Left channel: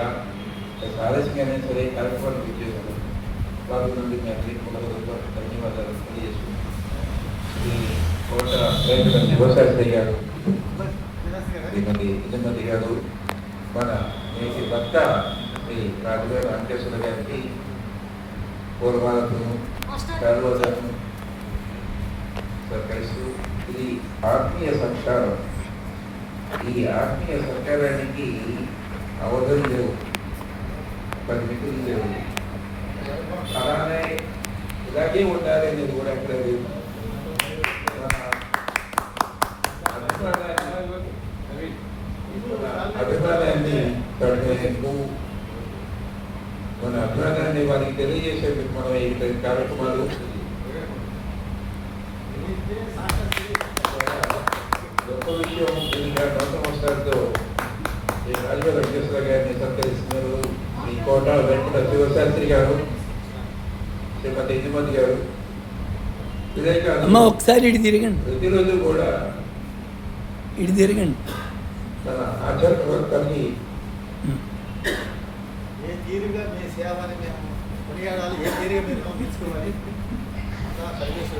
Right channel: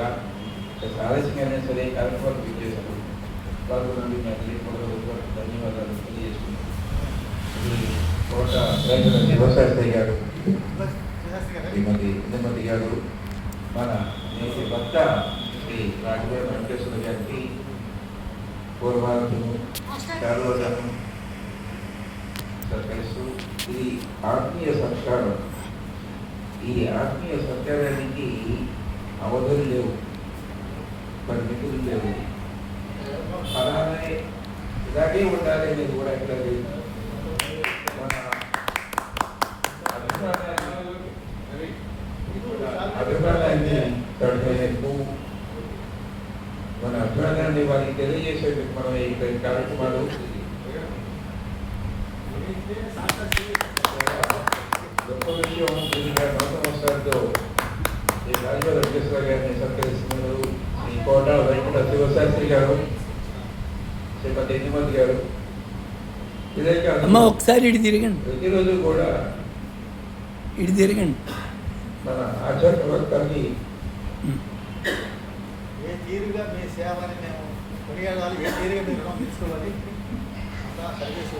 కూడా ఆలస్యంగానే సరే కార్యక్రమాలు విచ్చేశారు. వారి నుండి ధన్యవాదాలు తెలియజేసుకుంటున్నాను. శివశాస్త్రి గారు, శ్రీమతి గారు, మన నేటి భర్త శ్రీ రాజుగారు వెంకటేశ్వర గారికి పూర్వాలను సర్వోదను సహకరిస్తూ ఇది ఆత్మీయ సంస్కారం. ఈ ఆత్మీయ సంస్కారానికి అవధులు లేవు, పరిమితులు లేవు. అలానే ఇలాగే ఉండాలి అనేది కూడా ఎక్కడ లేదు. అభిప్రాయాన్ని పెడుతూ మన అభిప్రాయాన్ని వారికి తెలియజేసేందుకు మనం ఈ కార్యక్రమాలు గొప్ప విషయం. దీనిగా 100 సంవత్సరాలతో ఈ రాజుగారు వెంకటేశ్వర గారిని సత్కరిస్తున్నారు. ఈ కోట వెంకట శివశాస్త్రి గారు, శ్రీమతి ఇందుమతి గారు. ఇదే కాదు, ఒకసారి ఇటు తిరగండి, ప్రతిరోజు కూడా ఇటు తిరగండి. మన ఆచార ప్రవర్తనని ఏ తీరుగా మీ సేవని మేము కొనియాడాలి, ఏ తీరుగా మీరు పంపించుకోవాలి.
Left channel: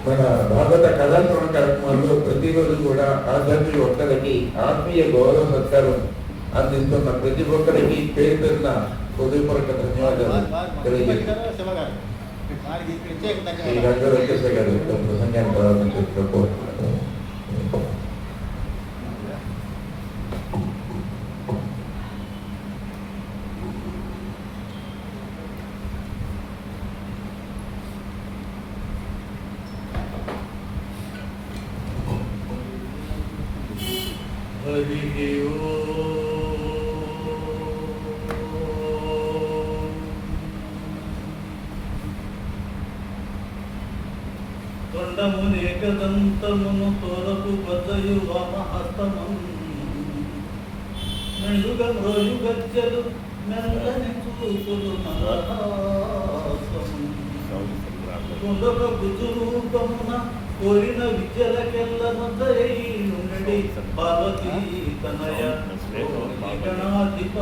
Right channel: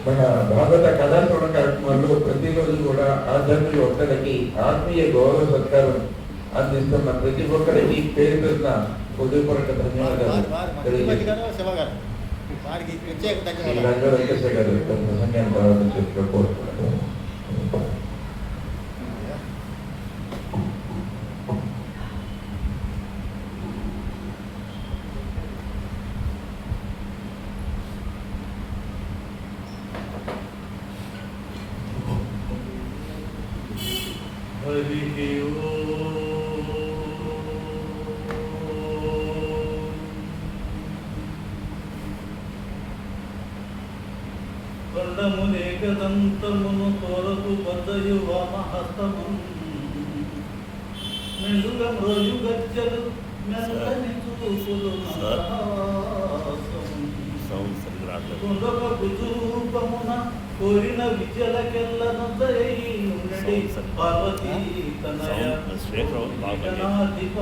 మన భాగవత కళాశ్రవణ కార్యక్రమాల్లో ప్రతిరోజు కూడా ఆధ్యాత్మిక ఒక్కరికి ఆత్మీయ గౌరవ సత్కారం అందిస్తున్న ప్రతి ఒక్కరికి పేరు పెట్టిన హృదయపూర్వక ధన్యవాదాలు తెలియజేస్తున్నాను. శ్రీ రాజు వెంకటేశ్వర గారు ప్రసంగాన్ని ప్రారంభించారు. తొండమునేకదంతమును తోరకు బద్దయు వామహస్తము మెండుగ మ్రోయు గజ్జలు మెల్లని చూపులు కొండొక భుజరూపమున కోరిన విద్యలకెల్లను దయనుడి పార్వతీ తనయ గణాధిప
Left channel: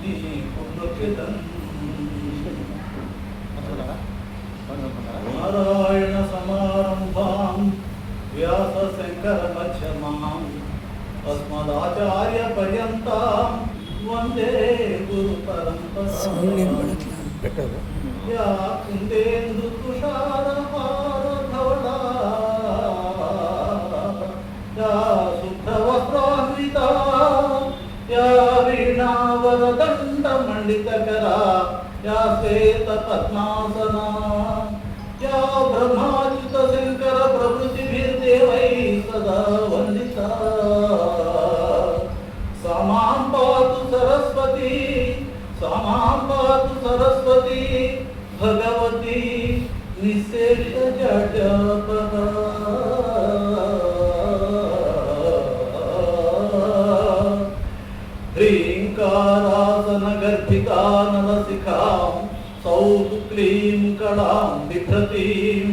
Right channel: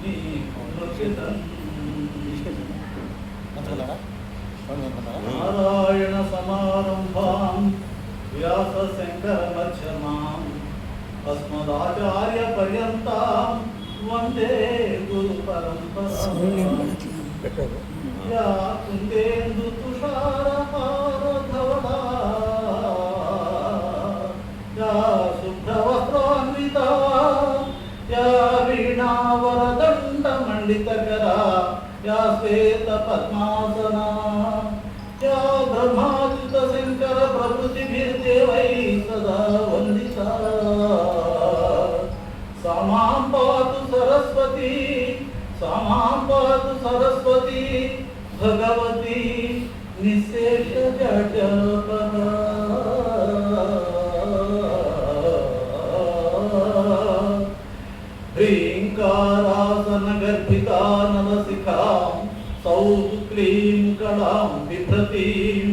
నీ పునృకెదన్ నారాయణ సమారంభాం వ్యాస శంకర మధ్యమాం అస్మదాచార్య పర్యంతం వందే గురు పరంపరా. యా కుందేందు తుషారహార ధవళా యా శుభ్రవస్త్రాన్వితా యా వీణావరదండ మండితకరా యా శ్వేత పద్మాసనా యా బ్రహ్మాచ్యుత శంకర ప్రభుతిభిర్దేవై సదా వందితా. సమాం పాతు సరస్వతి, సమాం పాతు సరస్వతి భగవతి నిశేష జటపదా. హ్రీంకారాసన గర్భితా నరసికాం సౌక్లీం కళాం బిభ్రతీం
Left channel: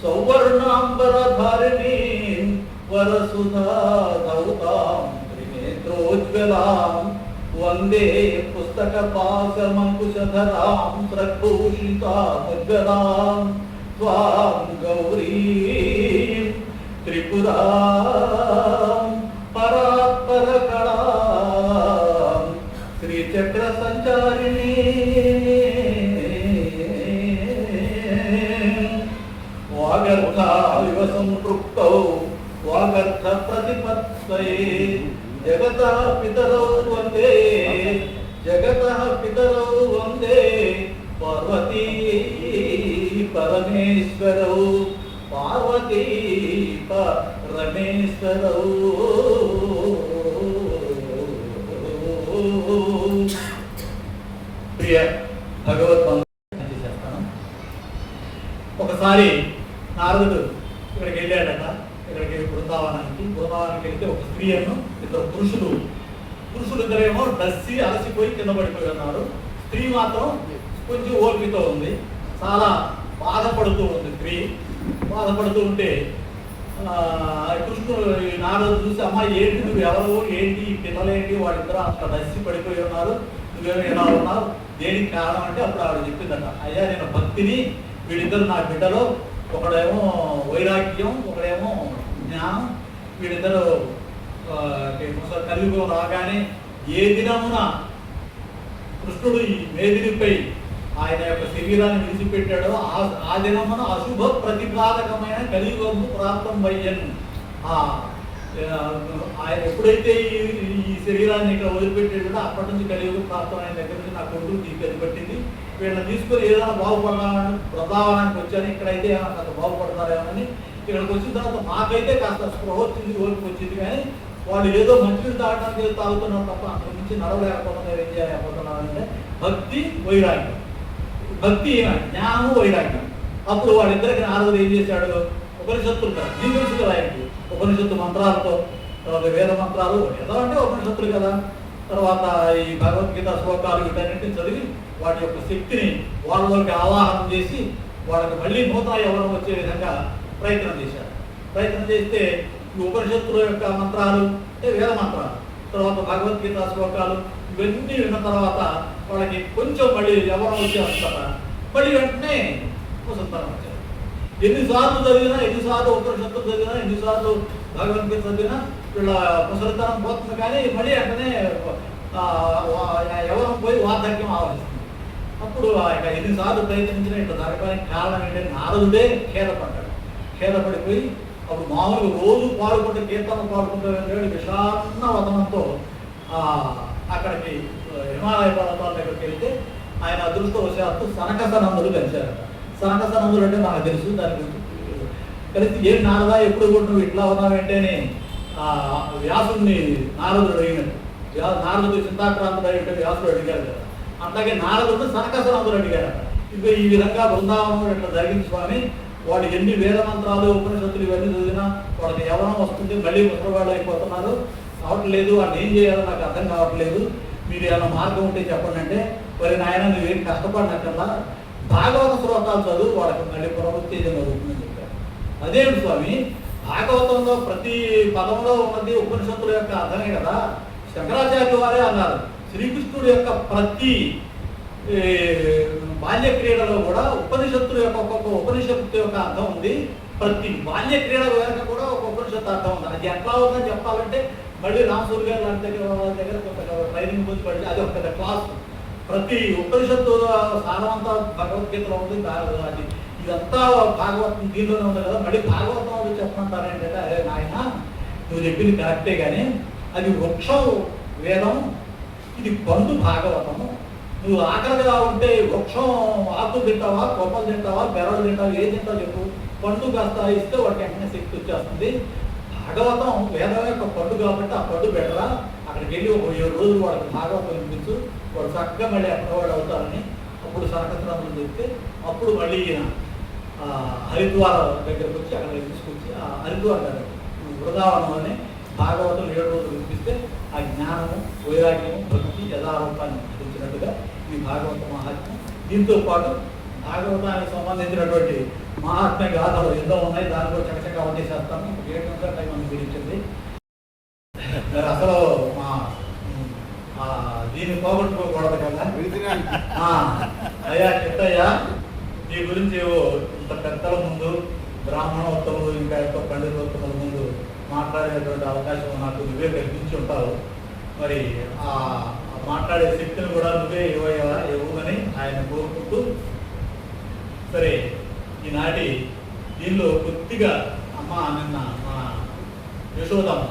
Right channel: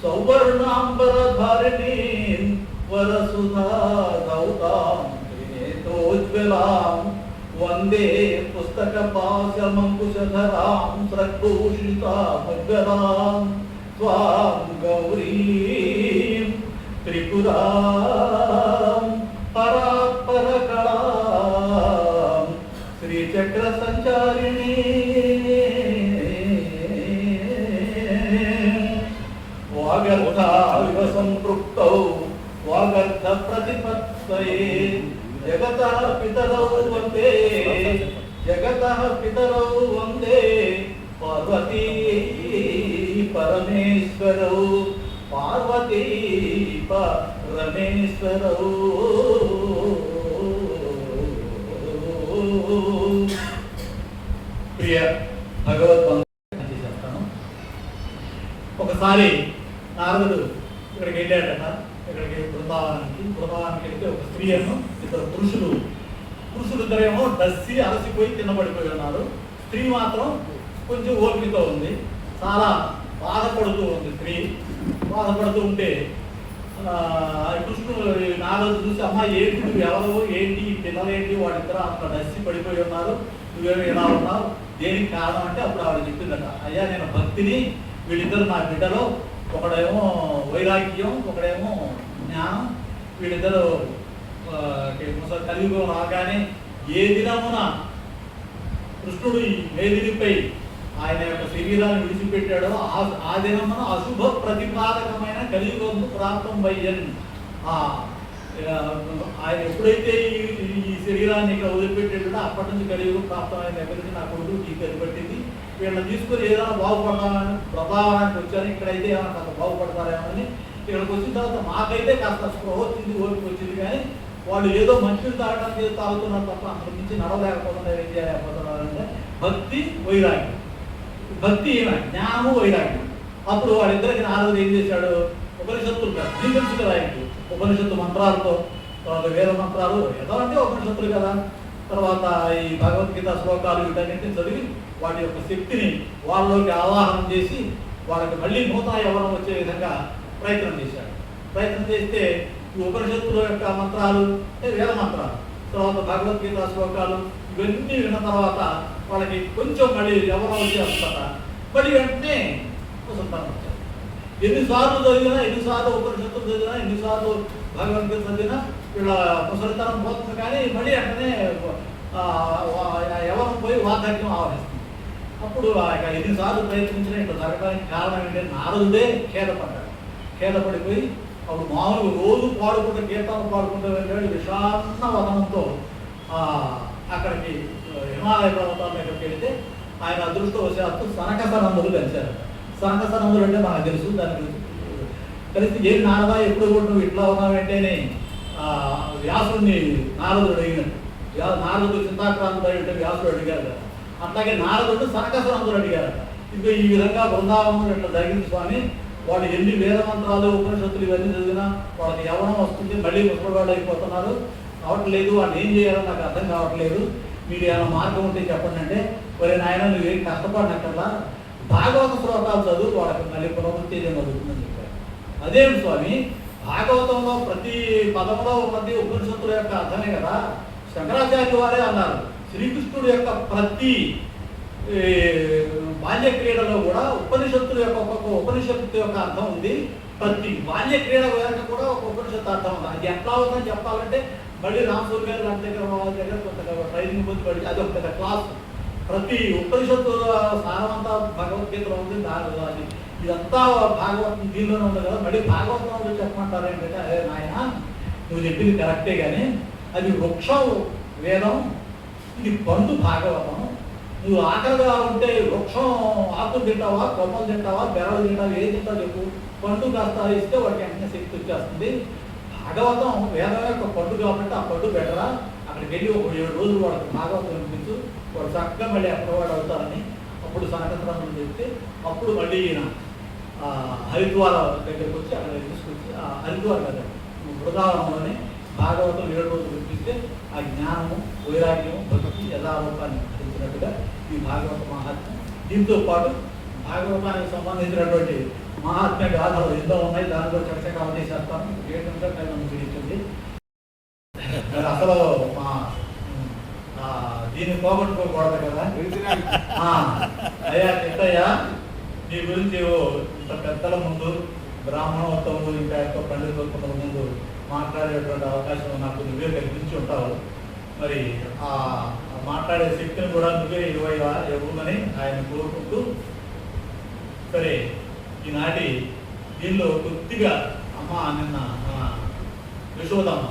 సౌవర్ణాంబరధారిణీం వరసుధా దౌతాం త్రినేత్రోజ్వలాం వందే పుస్తక పాశమంకుశధరాం స్రగ్భూషితాముజ్వలాం త్వాం గౌరీం త్రిపురాం పరాత్పర కళాం శ్రీచక్ర సంచారిణీ వాగర్థావివ సంపృక్తౌ వాగర్థ ప్రతిపత్తయే జగతః పితరౌ వందే, జగతః పితరౌ వందే పార్వతీ పరమేశ్వరౌ, పార్వతీ పరమేశ్వరౌ. ప్రియ భగవద్బంధు, ఒకసారి నారదుడు ఇక్కడికి వెళ్ళాడట. ఇక్కడికి బృందావనానికి వెళ్తే ఒక స్త్రీను ఇద్దరు పురుషులిద్దరేమో దస్సి అలసిపోయి కింద పడిపోయి ఉన్నారు. స్త్రీ మాత్రం కొంచెం ఓపికతో ఉంది, చాలా బాధపడుతూ ఉంది. స్త్రీ బాధపడుతూ ఉంటే కృష్ణుడు నారదు చూసి, అమ్మ ఏంటి నువ్వు ఎవరు, ఏంటి ఈ పిల్లలేంటి, వాళ్ళిద్దరూ అట్లా దస్సి పడిపోయి ఉన్నారు, నువ్వేమో ఇలా ఉన్నావు, దేనికి కారణం అంటే అప్పుడు ఆవిడ చెప్పిందట, అయ్యా నేను భక్తిని, వీళ్ళిద్దరు నా బిడ్డలో ఒకడేమో వైరాగ్యం, ఒకడేమో జ్ఞానం, వీళ్ళిద్దరు కలియుగం రాగానే ఏ దినమున కృష్ణుడు ఈ మేదినిపై ఆయన యొక్క శరీరాన్ని విడిచిపెట్టాడో ఆ దినమున అశుభ ప్రతిపాదకమైన కలియుగము ప్రాప్తం అయ్యన్. ఆయన ఎప్పుడైతే ఈ శరీరాన్ని ఇక్కడ వదిలిపెట్టాడో అప్పటి నుంచి కలియుగం ప్రాప్తం అయిన దగ్గర నుంచి నా కొడుకు నీకు ఎదుపట్టింది, వీళ్ళని తీసుకొని ఏదైనా బాగుపడదామని బృందావనానికి వచ్చాను, ఇక్కడైతే ఏమైనా కాస్త బాగుపడతారేమని ఇక్కడికి వచ్చిన తర్వాత మాకైతే కాస్త స్పృహ వచ్చింది, ఓపిక వచ్చింది, కానీ వాళ్ళు ఏదో మంచిని తాగడానికి ఏదో తాగుతున్నారు తప్ప అక్కడి నుంచి నడవలేకపోతున్నారు, ఏం చేయలేకపోతున్నారు అంటే భక్తి వైరాగ్యం. భక్తి ఏమైనా జ్ఞానము వైరాగ్యం. అప్పుడు వాళ్ళిద్దరికి నారదుడు ఏం చేశాడు, ఉపనిషత్తులు కదా నీకు తెలుసు కదా ఆయనకి, ఉపనిషత్తు మంత్రాలతో, తర్వాత వేద మంత్రాలు ఎలా అంటే ఉపనిషత్తులు కదా, తర్వాత ఈ భగవద్గీత శ్లోకాలు వీటన్నింటిని చదివి వాటి యొక్క శక్తిని వాళ్ళలోకి ఆవాహనం చేసి వాళ్ళకి మళ్ళీ నూతన యవ్వనం వచ్చే విధంగా ప్రయత్నం చేశాడు. ప్రయత్నం చేస్తే ఈ ఉపనిషత్తుల యొక్క మంత్రాలు అంటే వేద మంత్రాలు, తర్వాత భగవద్గీత శ్లోకాలు ఇవన్నీ విన్న తర్వాత వాళ్ళకి కొంచెం మళ్ళీ యవ్వనం వచ్చేస్తారా, మళ్ళీ వెంటనే సంతానం వచ్చారు. ఎన్నిసార్లు చదివినా, ఎన్నిసార్లు ఉపనిషత్తులు చదివినా, ఎన్నిసార్లు భగవద్గీత చదివినా వీళ్ళ ముసలితనం పోతుంది, కానీ మళ్ళీ వెంటనే యవ్వనం పోయి వార్ధక్యం ఆవరిస్తుంది. అప్పుడు ఎన్నిసార్లు ప్రయత్నించినా ఇట్లా జరగడానికి కారణం ఏంటంటే నారదుడే ఖేదపడ్డాడు. ఖేదపడిపోయి అప్పుడు మామూలుగా రోజు పాడుకుంటే కీర్తనలు పాడుకుంటూ వెళ్ళాడు విషాన్న వదనంతో అక్కడికి హిమాలయ పర్వతాల దగ్గరికి వెళ్తే ఆయన అదృష్టవశాత్తు సనకసనందులు కలిశారు. సనకసనందులు అంటే నాకు తెలుసు, దాని గురించి కలిసి ఏం నారదా ఎప్పుడు కూడా నువ్వు ఇట్లా ఉన్నావంటేనే వ్యాసుడిని నారదుడు అడిగాడు. నారదుడు చింతాక్రాంతుడు అంటే వ్యాసుడు అడిగారు కదా, అట్లాగే నారదుడు సనకసనందులు అడిగారు. ఇంకా ఈ విధంగా బృందావనం ఇట్లా జరిగింది స్వామి, వాళ్ళు ఎన్ని వేద మంత్రాలు ఉపనిషత్తులు ఇవన్నీ చదివినా వాళ్ళకి యవ్వనం వస్తుంది, మళ్ళీ ముసలివాళ్ళు అయిపోతున్నారు, అవట్లేదు, వాళ్ళు ఏం చేయాలో నాకు అర్థం కావట్లేదు, మీరు ఏమైనా మార్గం ఉంటే చెప్పండి అంటే, మరి నాయన నువ్వేం కష్టపడినక్కర్లా భాగవత శ్లోకాలు చదువు, వాళ్ళకి మళ్ళీ పునరుత్తేజం అవుతుందని చెప్పారు. అదేంటి స్వామి, భాగవతంలో ప్రతి పదంలో ఉన్నది ఉపనిషత్తుల యొక్క అర్థమే కదా. శంకరాచార్యుల వారే అన్నారు, శ్రీకృష్ణుడు యొక్క ప్రతి బాల్య క్రీడలో కూడా ఉపనిషత్తుల యొక్క ఒక్కొక్క ఉపనిషత్తు యొక్క అర్థం ఉంది. ప్రతి బాల్య క్రీడ వెనక కూడా ఒక ఉపనిషత్తు అర్థం ఉంది. అది ఎట్లా అవుతుందని చెప్పాలంటే మళ్ళీ రామసూరి గారు లాంటి దగ్గర కొంత ట్రైనింగ్ పొంది పడి అది ఒక పెద్ద క్లాస్. ప్రతి ఉపనిషత్తు సారమంతా భగవద్గీతలో ఉంది. అది ఇదంతా భాగవతం దీనిలోనే ఉంది కదా, మళ్ళీ భాగవతంలో చెప్పమంటారేంటంటే, అరే నాయన నువ్వు చెప్పింది కరెక్టే, కానీ అది వృక్షం వేదం, ఇది పండు భాగవతం. నువ్వు ఆకలిగా ఉంటే వృక్షం ఆకులు తింటావా, కొమ్మలు తింటావా, బెరలు తింటావా, ఏది తింటావు చెప్పు, పండు కాస్త ఇస్తే వాడికి వెంటనే శక్తి వచ్చేస్తుంది. భాగవతం వేదం యొక్క పండు కాబట్టి ఆ పండు పెట్టరా, అక్కడికి వెళ్ళి ఒక 7 రోజులు వాళ్ళకి భాగవతం వినిపించు, వాడు చక్కగా మళ్ళీ ఎక్కడ వాడు అవుతారని అప్పుడు సనకసనందులు చెప్తే, అప్పుడు మళ్ళీ హరిద్వారం దగ్గరకు వచ్చి అక్కడ తీసుకొచ్చి హరిద్వారం దగ్గర బృందావనంలోనే భాగవతం 7 రోజులు వినిపిస్తే ఆ జ్ఞానము, వైరాగ్యము, భక్తి యథావతాన్ని చూసినట్టుగా ఈ భాగవత మహాత్మ్యం. దీంతో పాటు భాగవతానికి సంబంధించినటువంటి మహాత్మ్య గాథలు ఎన్నో ఉన్నాయి, దాని కూడా చకచకాలు చేసేస్తాను. 7 నిమిషాల టైం ముగించింది. అసలు దీన్ని పోగొట్టుకోకూడదు కదా. అయ్యా చిట్టయ్యా, నీ గురించి ఇంత పెద్దల ముందు, బ్రాహ్మణోత్తములు ఇంకా ఎక్కువ పండితోత్తముల ముందు మాట్లాడేటువంటి అవకాశం నాకు నువ్వే కల్పించి ఉంటావు. మరి ఆ మాట్లాడే శక్తిని కూడా నువ్వే ఇవ్వమని ఆయన కోరుకుంటూ, సరే ఈనాటి దీనిలో కొద్దిగా అమ్మ నిన్న మన యశోదమ్మ,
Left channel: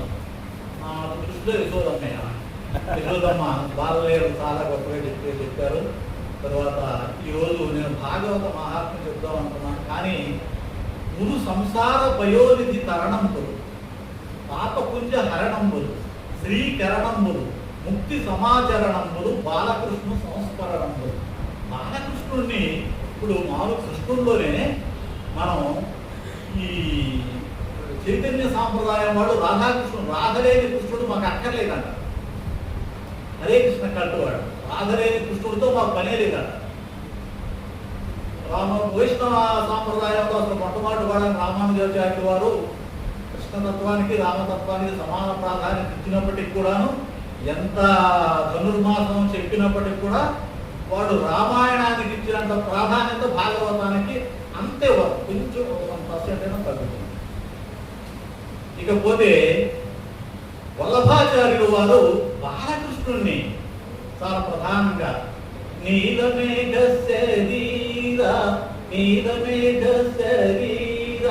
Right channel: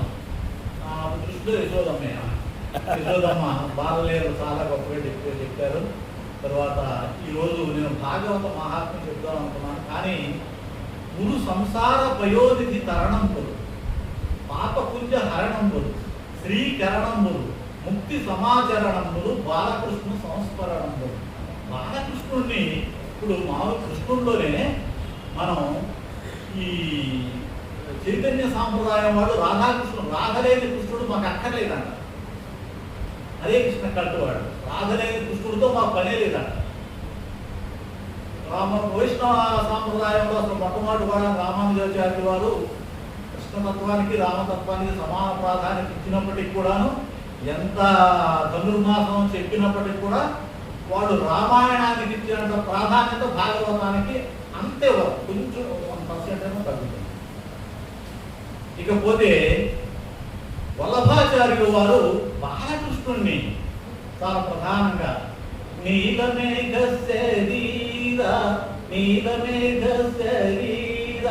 దృష్టిలో యశోదమ్మ బాలలేరు చాలా గొప్పగా చెప్పారు. తర్వాత ఈరోజు నేను భాగవత మహాత్మ్యం చెప్దాం అనుకున్నాను, కానీ గురు సంసార పయోనిధి తరణంబులు, పాపపుంజ హరణంబులు, శ్రీకరణంబులు, ముక్తి సమాచరణంబులు, బాలకృష్ణ సంస్మరణంబులు. బాలకృష్ణుడిని ఇప్పుడు మామూలు కృష్ణుడిలోనే మనం ఈ చైతన్య సాంప్రదాయం వాళ్ళు రాధాకృష్ణుడు, రాధలేని కృష్ణుడు మాకు అక్కర్లేదన్న, హరే కృష్ణ కట్టువాడు, రాధలేని కృష్ణుడితో మాకు పనే లేదన్న. వైష్ణవ సాంప్రదాయంలో అసలు మొట్టమొదటి వాడు రామానుజాచార్యుల వారు కృష్ణతత్వానికి రామతత్వానికి సమాన ప్రాధాన్యత ఇచ్చినప్పటికీ కూడాను ఎంత ధనుర్మాసం చెప్పినప్పటికీ కూడా వాడు రామాయణానికి ఇచ్చినంత ప్రాధాన్యత భాగవతానికి అంతే కొంచెం 1% అయినా తగ్గుతుంది. ఇకపోతే వల్లభాచార్యులు వారు బాలకృష్ణుణ్ణి చాలా ప్రధానంగా నీలమేఘ శరీర నీలమేఘ శరీర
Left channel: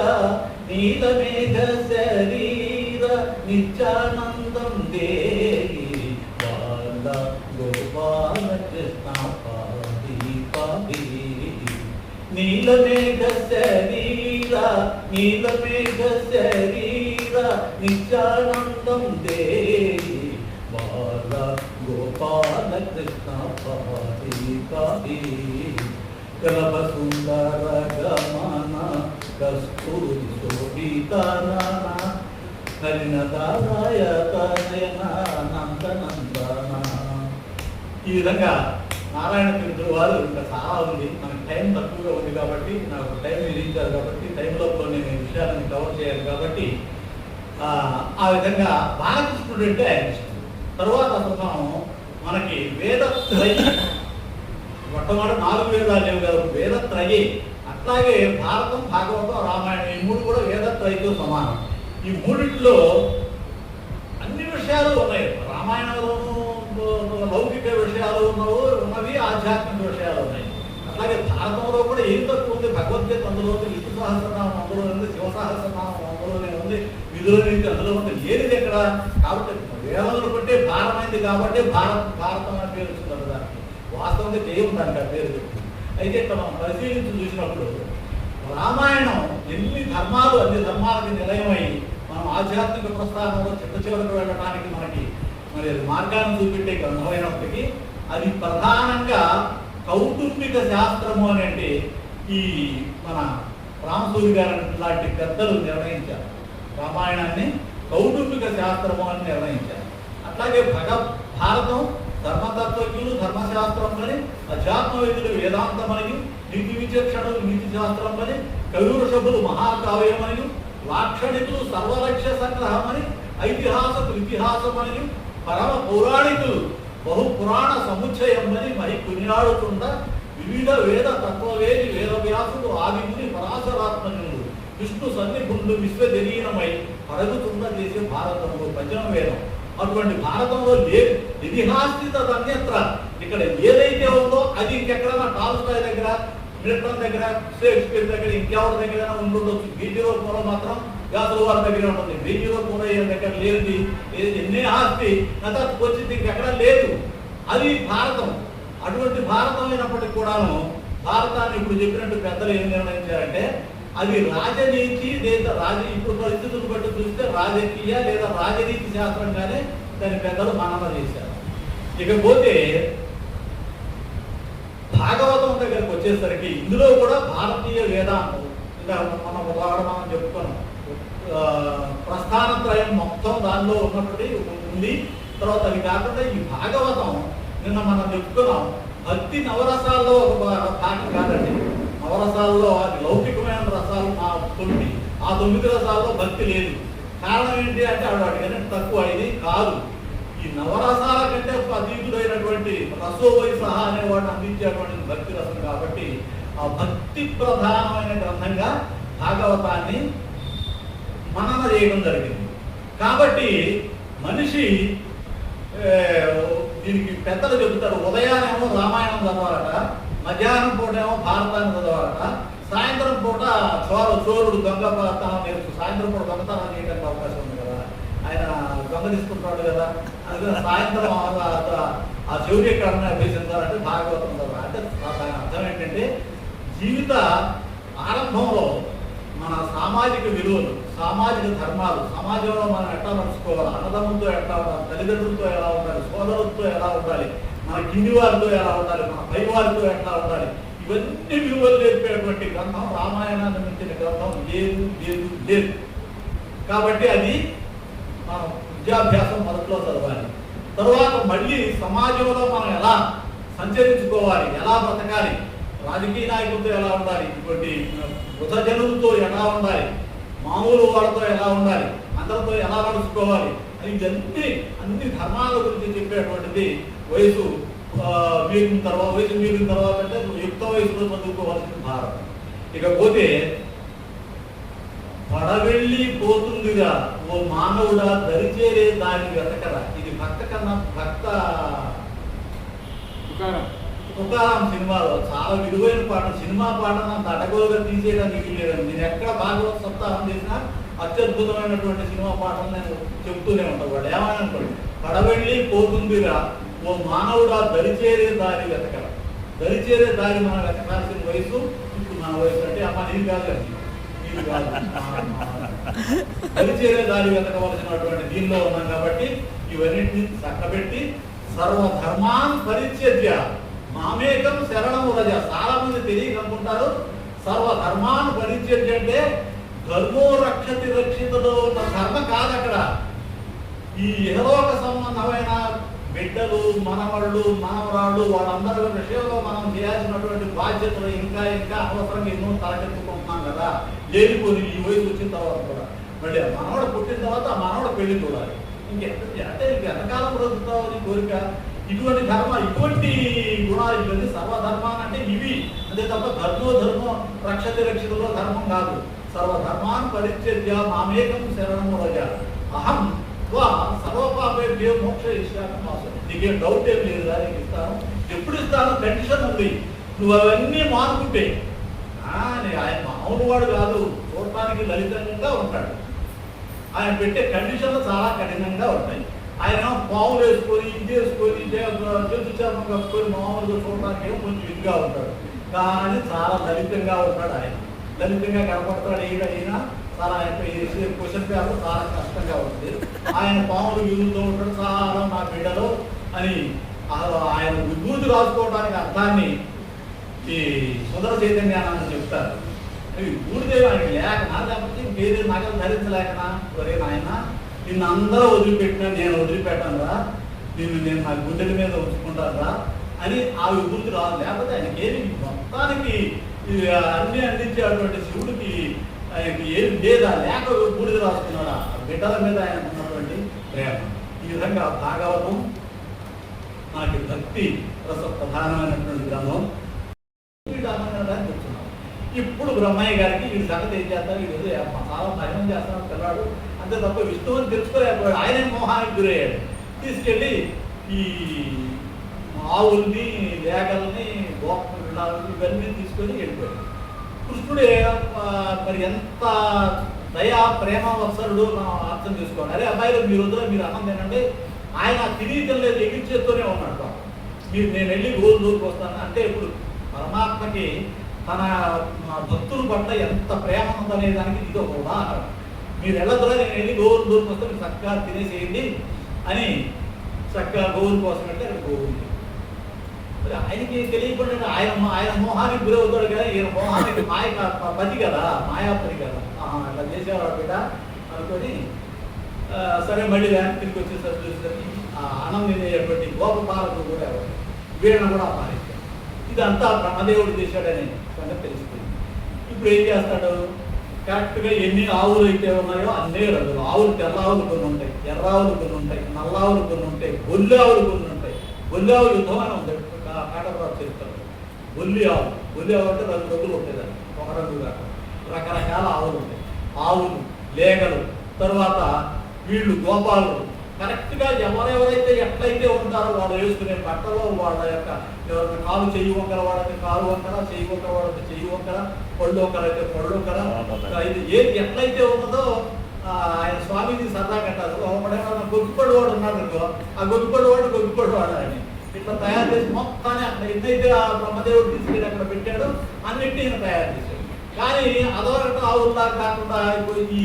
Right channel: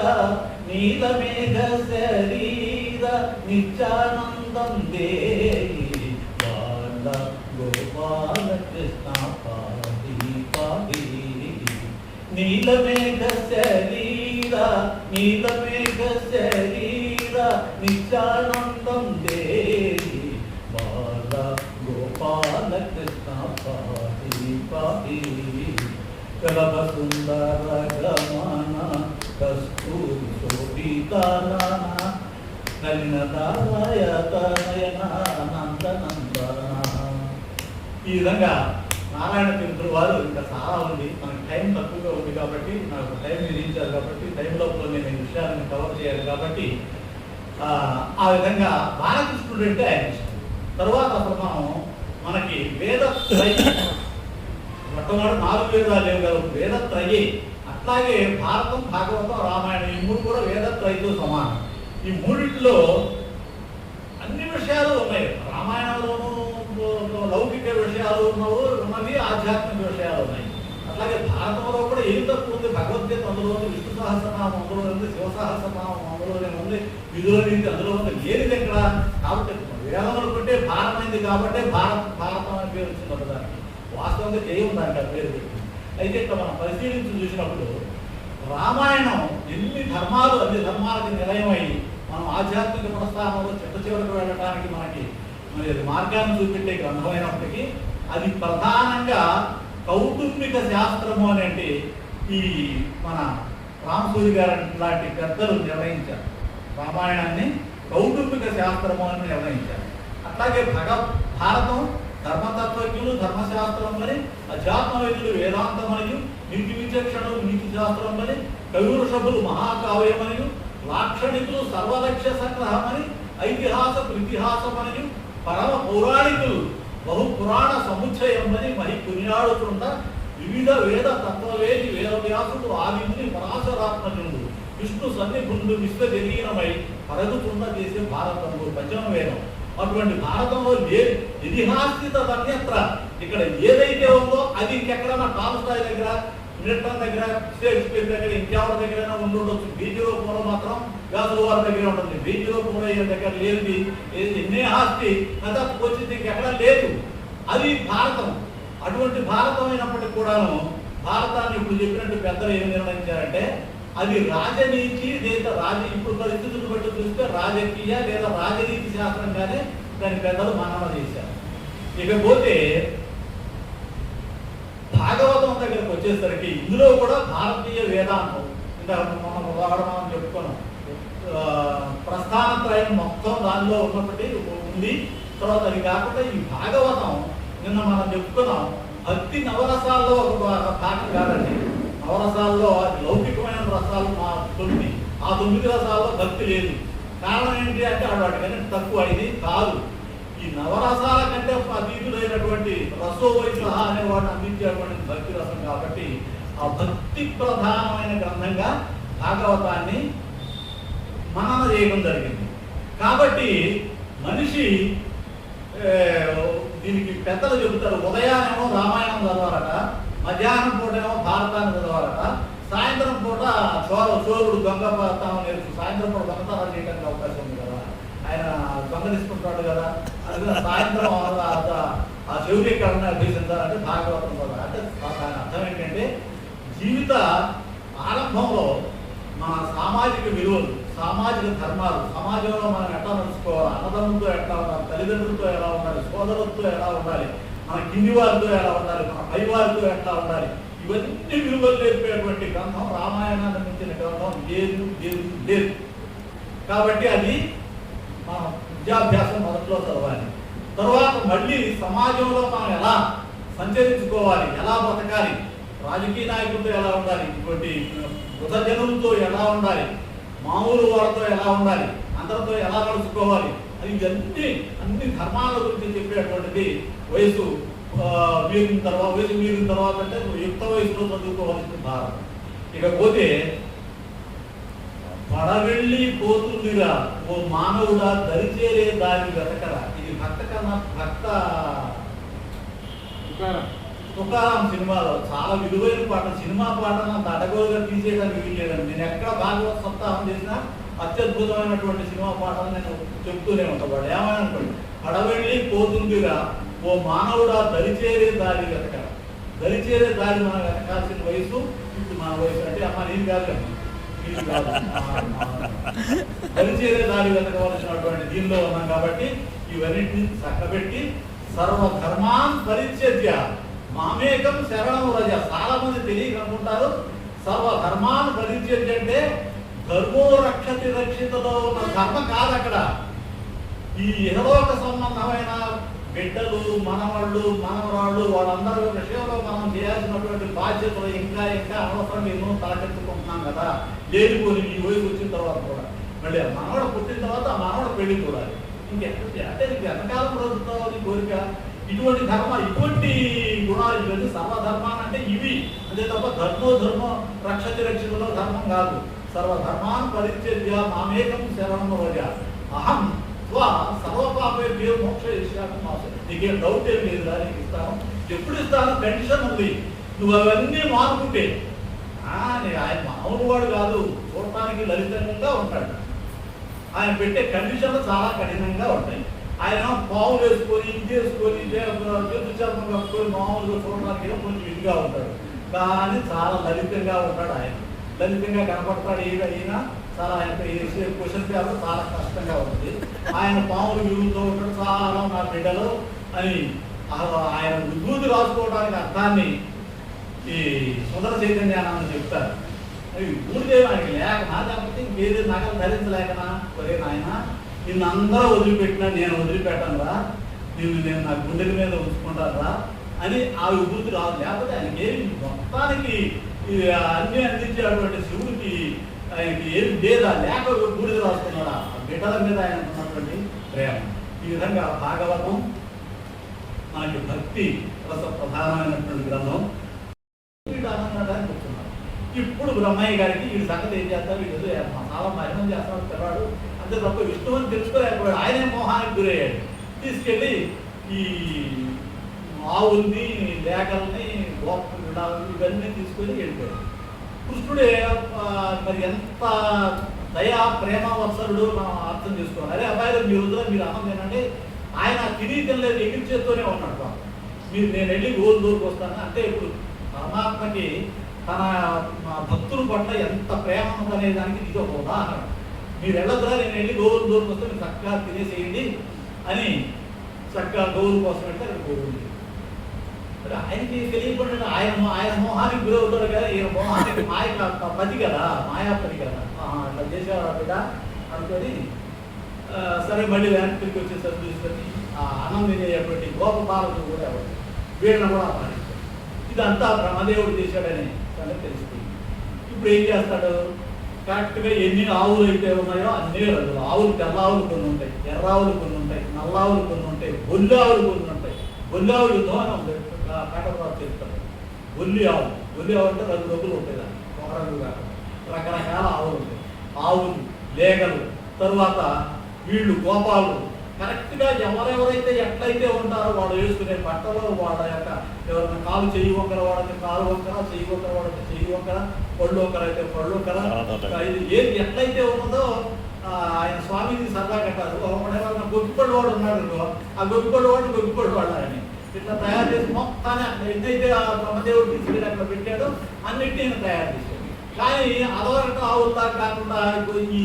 నీలమేఘ శరీర నిత్యానందం దేవి బాల గోపాల కృష్ణ పాపి పాపి నీలమేఘ శరీర నీలమేఘ శరీర నిత్యానందం దేవి బాల గోపాల కృష్ణ పాపి పాపి కలభ సుందర గమన కస్తూరి శోభితన కలినదాయ తనయన నందనందన. ఈ విధంగా నారాయణ తీర్థుల వారు ఇంకా చాలా ఉంది. మనకి టైం తక్కువగా ఉంది కాబట్టి, నాకు టైం విధించారు కాబట్టి టైంలో నేను ఈ విషయాలను కవర్ చేయాలి కాబట్టి ఆ విధంగా బాలకృష్ణుడు అంటే ఆయన ఇష్టం. తరువాత అసలు మనకి వేదత్రయి, మొట్టమొదటి 4 వేదాలు లేవు కదా, వేదత్రయి. అట్లాగే భారతం, భాగవతం, రామాయణం ఈ 3 కూడా వేదత్రయితో సమానం. ఈ మూడింటిలో అన్ని విషయాలు ఉన్నాయి. రామాయణంలోనూ లౌకిక విషయాలు ఉన్నవి, ఆధ్యాత్మిక విషయాలు ఉన్నాయి. అట్లాగే భారతంలో కూడా ఏం తక్కువ ఉంది. భగవద్గీత అందులో ఉంది, విష్ణు సహస్రనామం అందులో ఉంది, శివ సహస్రనామం అందులోనే ఉంది, విధుల నుంచి అందులో ఉంది. ఏది ఎక్కడ కాబట్టి వేదములు బట్టే భారమైంది కాబట్టి భారతం అని పేరు వచ్చింది దానికి. వాస్తవంగా చేయం దానికి ఆ పేరు పెట్టి. అయితే ఇక్కడ మనం పరిశీలించి చూసినప్పుడు రామాయణం ఎన్ని ధర్మాలు, అన్ని ధర్మాలకి నిలయమై మనం ఆధ్యాత్మిక ప్రస్థానంలో చివరికి వెళ్ళడానికి మనకి మరి మార్గాన్ని చూపెట్టే గ్రంథమైనప్పటికీ అది ప్రధానంగా కౌటుంబిక శాస్త్రము అనేది ఈ మన రామసూరి గారు లాంటి పెద్దలు నిర్ణయించారు. రామాయణాన్ని కౌటుంబిక శాస్త్రము అని నిర్ణయించారు. అట్లాగే భారతం ధర్మతత్వజ్ఞులు ధర్మశాస్త్రం అని, అధ్యాత్మవేదులు వేదాంతం మరియు, నీతి విచక్షణులు నీతి శాస్త్రం అని, కవివృషభులు మహాకావ్యం మరియు, లాక్షణికులు సర్వలక్ష్య సంగ్రహం అని, ఐతిహాసకులు ఇతిహాసం అని, పరమ పౌరాణికులు బహు పురాణ సముచ్చయం అని మరి కొనియాడుతున్న వివిధ వేద తత్వవేది వేదవ్యాసుడు ఆదిని పరాశరాత్మజుడు విష్ణు సన్నిభుండు విశ్వజనీనమై పరుగుతున్న చేసే భారతంలో భజన వేదం. అటువంటి భారతంలో లేదు ఇతిహాస్థిత అన్యత్ర. ఇక్కడ ఏదైతే ఉందో అది ఇంకెక్కడైనా టాల్స్టాయ్ దగ్గర, మిల్టన్ దగ్గర, షేక్స్పియర్ దగ్గర, ఇంకెవరి దగ్గరైనా ఉండొచ్చు. బీజీ రూపంలో మాత్రం వ్యాసుల వారి దగ్గర ఉంటుంది. బీజీ రూపంలో దగ్గర లేనిది ఎన్నే ఆస్తి కథ వచ్చింది ఇంకెక్కడ లేదు. అది భారతం. అటువంటి భారతం అయినప్పటికీ కూడాను భారతాన్ని ఇప్పుడు చెప్పినట్టు పెద్దలు ఏం నిర్ణయించారంటే అది రాజనీతి లేదా ఇప్పుడు పరిస్థితులు బట్టి చూస్తే రాజకీయ లేదా రాజనీతి శాస్త్రంగానే దాని పెద్దలు మనన చేశారు. ఇకపోతే భాగవతం దగ్గరకు వచ్చేసరికి ఇందులో కూడా భారతీయ వేదాంతం ఇంకా మనం చెప్పుకున్నాం. ప్రస్థానత్రయం మొత్తం దానిలో ఉన్నప్పటి ఉంది. తర్వాత అది కాకుండా ఈ భాగవతం నిన్న మనం చెప్పుకున్నాం భక్తి నవరసాల్లో ఒక భాగం కాదండి. నవరసాల్లో అది లౌకికమైన రసాలు 9. ఆ 9 రసాల్లో భక్తి లేదు. కారణం ఏంటి అంటే వాటికన్నా తక్కువ. ఇది కాదు. ఈ నవరసాల కంటే అతీతుడైనటువంటి రసోవై సహా అనే వాటిని అందించేటువంటి భక్తి రసం కాబట్టి ఆ భక్తి ప్రధానమైన గ్రంథంగా భాగవతాన్ని మనన చేయడం జరిగింది. కాబట్టి మనిషి దీనికి పెద్దలు చెబుతారు ఉదయాన్నేమో రామాయణం చదవాలట, మధ్యాహ్నం పూట ఏమో భారతాన్ని చదవాలట, సాయంత్రం పూట చోరుడు దొంగ సాయంత్రం పూట దొంగతనం చేయడానికి అవకాశం ఉంది కదా, ఆయన దొంగలిస్తుంటాడు కదా, అది సాయంత్రం ఆ శౌర్యకరణ అభ్యసించాలంటే భాగవతం చదవాలి. అంటే దాని అర్థం ఏంటంటే జీవిత ఆరంభంలో మన సామాజిక విలువలు, సామాజిక ధర్మాలు, సమాజంలో మనం ఎట్లా నడుచుకోవాలి, అన్నదమ్ములతో ఎట్లా ఉండాలి, తల్లిదండ్రులతో ఎలా ఉండాలి, సోదరులతో ఎలా ఉండాలి, మన కింది వారితో ఎలా ఉండాలి, మన పై వారితో ఎట్లా ఉండాలి, ఇవన్నీ విలువలు నేర్పేటువంటి గ్రంథం రామాయణాన్ని మించిన గ్రంథం లేదు. కాబట్టి అది మనం విద్యాభ్యాసం మొదట్లో చదవాలి. తరువాత మళ్ళీ సమాజంలో మనం ఎలా సంచరించుకోవాలి, ఎలా బతకాలి, రాజకీయ నాయకులతో ఎలా ఉండాలి, ఇటువంటి వృధజనులతో ఎలా ఉండాలి, మామూలు వాళ్ళతో ఎలా ఉండాలి, అందరితో ఎలా నడుచుకోవాలి, అది అన్ని ధర్మాల గురించి చెప్పేటువంటిది. వయసు మీరిన తర్వాత అంటే యుక్త వయసులో చదువుకోవాల్సిన భారతం. ఇకపోతే పడవెళ్ళి పోతుందిగా ఓ మానవుడా దరిచేరే దాని వెతకరా. ఇది భక్త తుకారాం సినిమాలో చాలా విలువైన పాట. సినిమా పాటను అంత అడగోలుగా తీసేయడానికి వీల్లేదండి. నేను ఎక్కడ భాగవత సప్తాహం చేసినా అత్యద్భుతమైనటువంటి సినిమా పాటలు నేను చెప్తూనే ఉంటాను. వాళ్ళు ఏమైనా అనుకోండి, పడవెళ్ళి పోతుందిరా ఓ మానవుడా దరిచేరే దారి వెతకరా. దరిచేరే దారి మనం వెతకాల్సిన వయసు ఇప్పుడు మన వయసు. అంటే అమ్మ నీది కాదండి, నీది కాదు, దరిచేరే దారి వెతకవలసినటువంటి దీనిలో ఉన్నాం. కాబట్టి ఇవన్నింటినీ చక్కబెట్టి సర్వధర్మాన్ పరిత్యజ్య మామేకం శరణము రజ. చాలా మంది తెలియకనుకుంటారు సర్వధర్మాన్ పరిత్యజ్య అంటే ధర్మో రక్షతి రక్షితలో ఉన్న ధర్మ కాదు. అక్కడ ఈ ఇహలోక సంబంధమైన బిడ్డలు, మనవాళ్ళు, మనవరాళ్ళు వాళ్ళందరూ విషయంలో మనం చేయాల్సినటువంటి బాధ్యతలు ఇంకా అనవసరంగా ఎన్నో తలకెత్తుకుంటున్నాం కదా. లేనిపోని ఈ వయసు వచ్చిన తర్వాత కూడా మళ్ళీ మనవాడు పుట్టిన తర్వాత ఆ మనవాడు పెళ్లి చూడాలి. అంటే నీకు ఎంతకాలం బ్రతుకుతావు నీ కోరిక. ఇటువంటి ఇటువంటి గుణాలు ఇవన్నీ సర్వధర్మాన్ అంటే ఇవి. అదే తప్ప ధర్మో రక్షతి రక్షితలో ధర్మం కాదు. సర్వధర్మాన్ పరిత్యజ్య మామేకం శరణము రజ అహం సర్వపాపేభ్యో మోక్ష ఇష్టాకం. నీకేం డౌట్ ఏం లేదు, దానికి ఇస్తాను. ఎప్పుడు ఇస్తాను? కండిషన్ ఉంది, నువ్వు అవన్నీ మానుకుంటే. ఆయన మామూలు వాడు కాదు, చూడటానికి లలితంగా ఉంటాడు. ఆయన పెట్టే కండిషన్లు చాలా కఠినంగా ఉంటాయి. ఆయన పావులు వేసుకొని ఇది వేసుకొని చేతు చర్మం కప్పుకొని మామూలుగా చూడడానికి కొంచెం ఇదిగా ఉంటాడు, కానీ చాలా లలితంగా ఉంటాడు. ఆయన లలితంగా కనపడతాడు. ఈయన చాలా ఆయన క్వశ్చన్ పేపర్ చాలా కష్టంగా ఉంటుంది. ఆయన పాములు వ్యూతో ఉంటాడు. చాలా నా బిడ్డలు అని ఆయన విభూతి రాసుకోవడానికి అర్థాన్ని ఈ సుందర చైతన్యాన్ని చెప్తారు. ఊరిదే ఆయనకి లేకనా, లేకపోతే వేరే నగలు ధరించలేకనా? ఒరే నాయన, నిన్ను అందరూ వదిలిపెట్టినా నేను వదిలిపెట్టాను రా, నేను నా గుండెల మీద ఉంచుకుంటాను రా అని ఆ విభూతి రాదు. లేకపోతే ఆయనకి ఏమి మొత్తానికి అన్ని అందించేటువంటి శివుడికి ఆయనకి ఏమి లేదా, లేక బూడిద రాసుకున్నాడా? బిడ్డల మీద ఆయన ఉన్నటువంటి ప్రేమ. ఈ విధంగా భాగవతం నాకు భక్తి రస ప్రధానమైనటువంటి గ్రంథం. కూర్చున్నాడు. ఇప్పుడు బ్రహ్మయ్య గారికి ఈ సంగతి ఏం చేస్తారు, ఈరోజు చాలా మహిళం చేస్తారు పిల్లాడు, అంతే తప్ప విష్ణువుని తెలుసుకోలేకపోయాడు. ఆయనే మోహానికి గురయ్యాడు. తీసుకెళ్ళి ఈ ఆవుల్ని, లేఖల్ని, గోప ఇవన్నీ తీసుకొని వెళ్ళిపోయాడు. కృష్ణుడే మరి ఎంత దయా ప్రేమ వత్సరుడు మనం అర్థం చేసుకోవాలి. అరే అబ్బాయిలు మీరు మీరు అన్నం తినండి, ఆయన తినీతం లేదు, ఎగిరిచేస్తూనే ఉన్నాడు. నేను వెళ్ళి రోజుకి వస్తాను అంటే ఇప్పుడు పరమాత్మకి తన భక్తుల పట్ల ఎంత ప్రేమ ఉందనే దానికి ఇది ఒక ఉదాహరణ. మీరు వెళ్ళదురా, నేను వెళ్ళి గోవులు దూరం వస్తే మీరు చక్కగా తినేసేయండి అని చక్కగా గోవుల కోసం వెళ్తే అక్కడ గోవులు. ఆయనకి తెలియకుండా ఆయన మోహానికి గురవుతాడు కదా. ఈయన మోహానికి పది కదా, మాయాపతి కదా, ఇట్లా చేసేవాడు బిడ్డ అనుకొని సరే మళ్ళీ వ్యాన్ తిరిగి వచ్చేసరికి చూసుకొని ఆనందించేటువంటి గోపపాలకులు కూడా వీళ్ళని కూడా పాలించాడు. ఇదంతా బ్రహ్మదేవుడు చేశాడని మనకు తెలుస్తుంది. ఇప్పుడు ఏం చేస్తాడు, కరెక్ట్గా ఎన్ని ఆవులు అయితే ఉన్నాయో అన్నీ రంగులు. ఆవులు తెల్ల ఆవులు కొన్ని ఉంటాయి, ఎర్ర ఆవులు కొన్ని ఉంటాయి, నల్ల ఆవులు కొన్ని ఉంటాయి, బొల్లి ఆవులు కొన్ని ఉంటాయి. బొల్లి ఆవులు యుద్ధం అని ఉంటాయి, కాటప్రాప్తి చేస్తారు. బొల్లి ఆవు అంటే 2 రంగులు ఉంటాయి, దాన్ని ఒక రంగు కాదు, రకరకాల ఆవులు ఉంటాయి. ఆవులు, లేగలు, తరువాత వీళ్ళు గోపాలు. కరెక్ట్గా ఎవరెవరైతే ఎట్లయితే ఉంటారో వాళ్ళు వేసుకునే బట్టలో వాళ్ళ యొక్క ఎవరైనా కాలు చెయ్యి వంకర వాడితే కాలు వంకర, చెయ్యి వంకర వాడితే చెయ్యి వంకర, పళ్ళు వంకర అయితే పళ్ళు వంకర, ఇది ఏది ఎట్లయితే ఉన్నదో ఆయన స్వామిని సరదా కట్టారు. ఒకడేమన్నా గొగ్గుపళ్ళు వాడు ఉన్నాడు అనుకో, ఆ గొగ్గుపళ్ళు వాడాలని ఇట్లా తయారు చేసి మొత్తాన్ని అక్కడ ఎన్నైతే ఆ బ్రహ్మదేవుడు తీసుకెళ్ళి అక్కడ పెట్టాడో అన్నింటినీ ఈయన తయారు చేశాడు. కానీ అదొరకట ఆవుల్లా కాకుండా ఇప్పుడు ఈ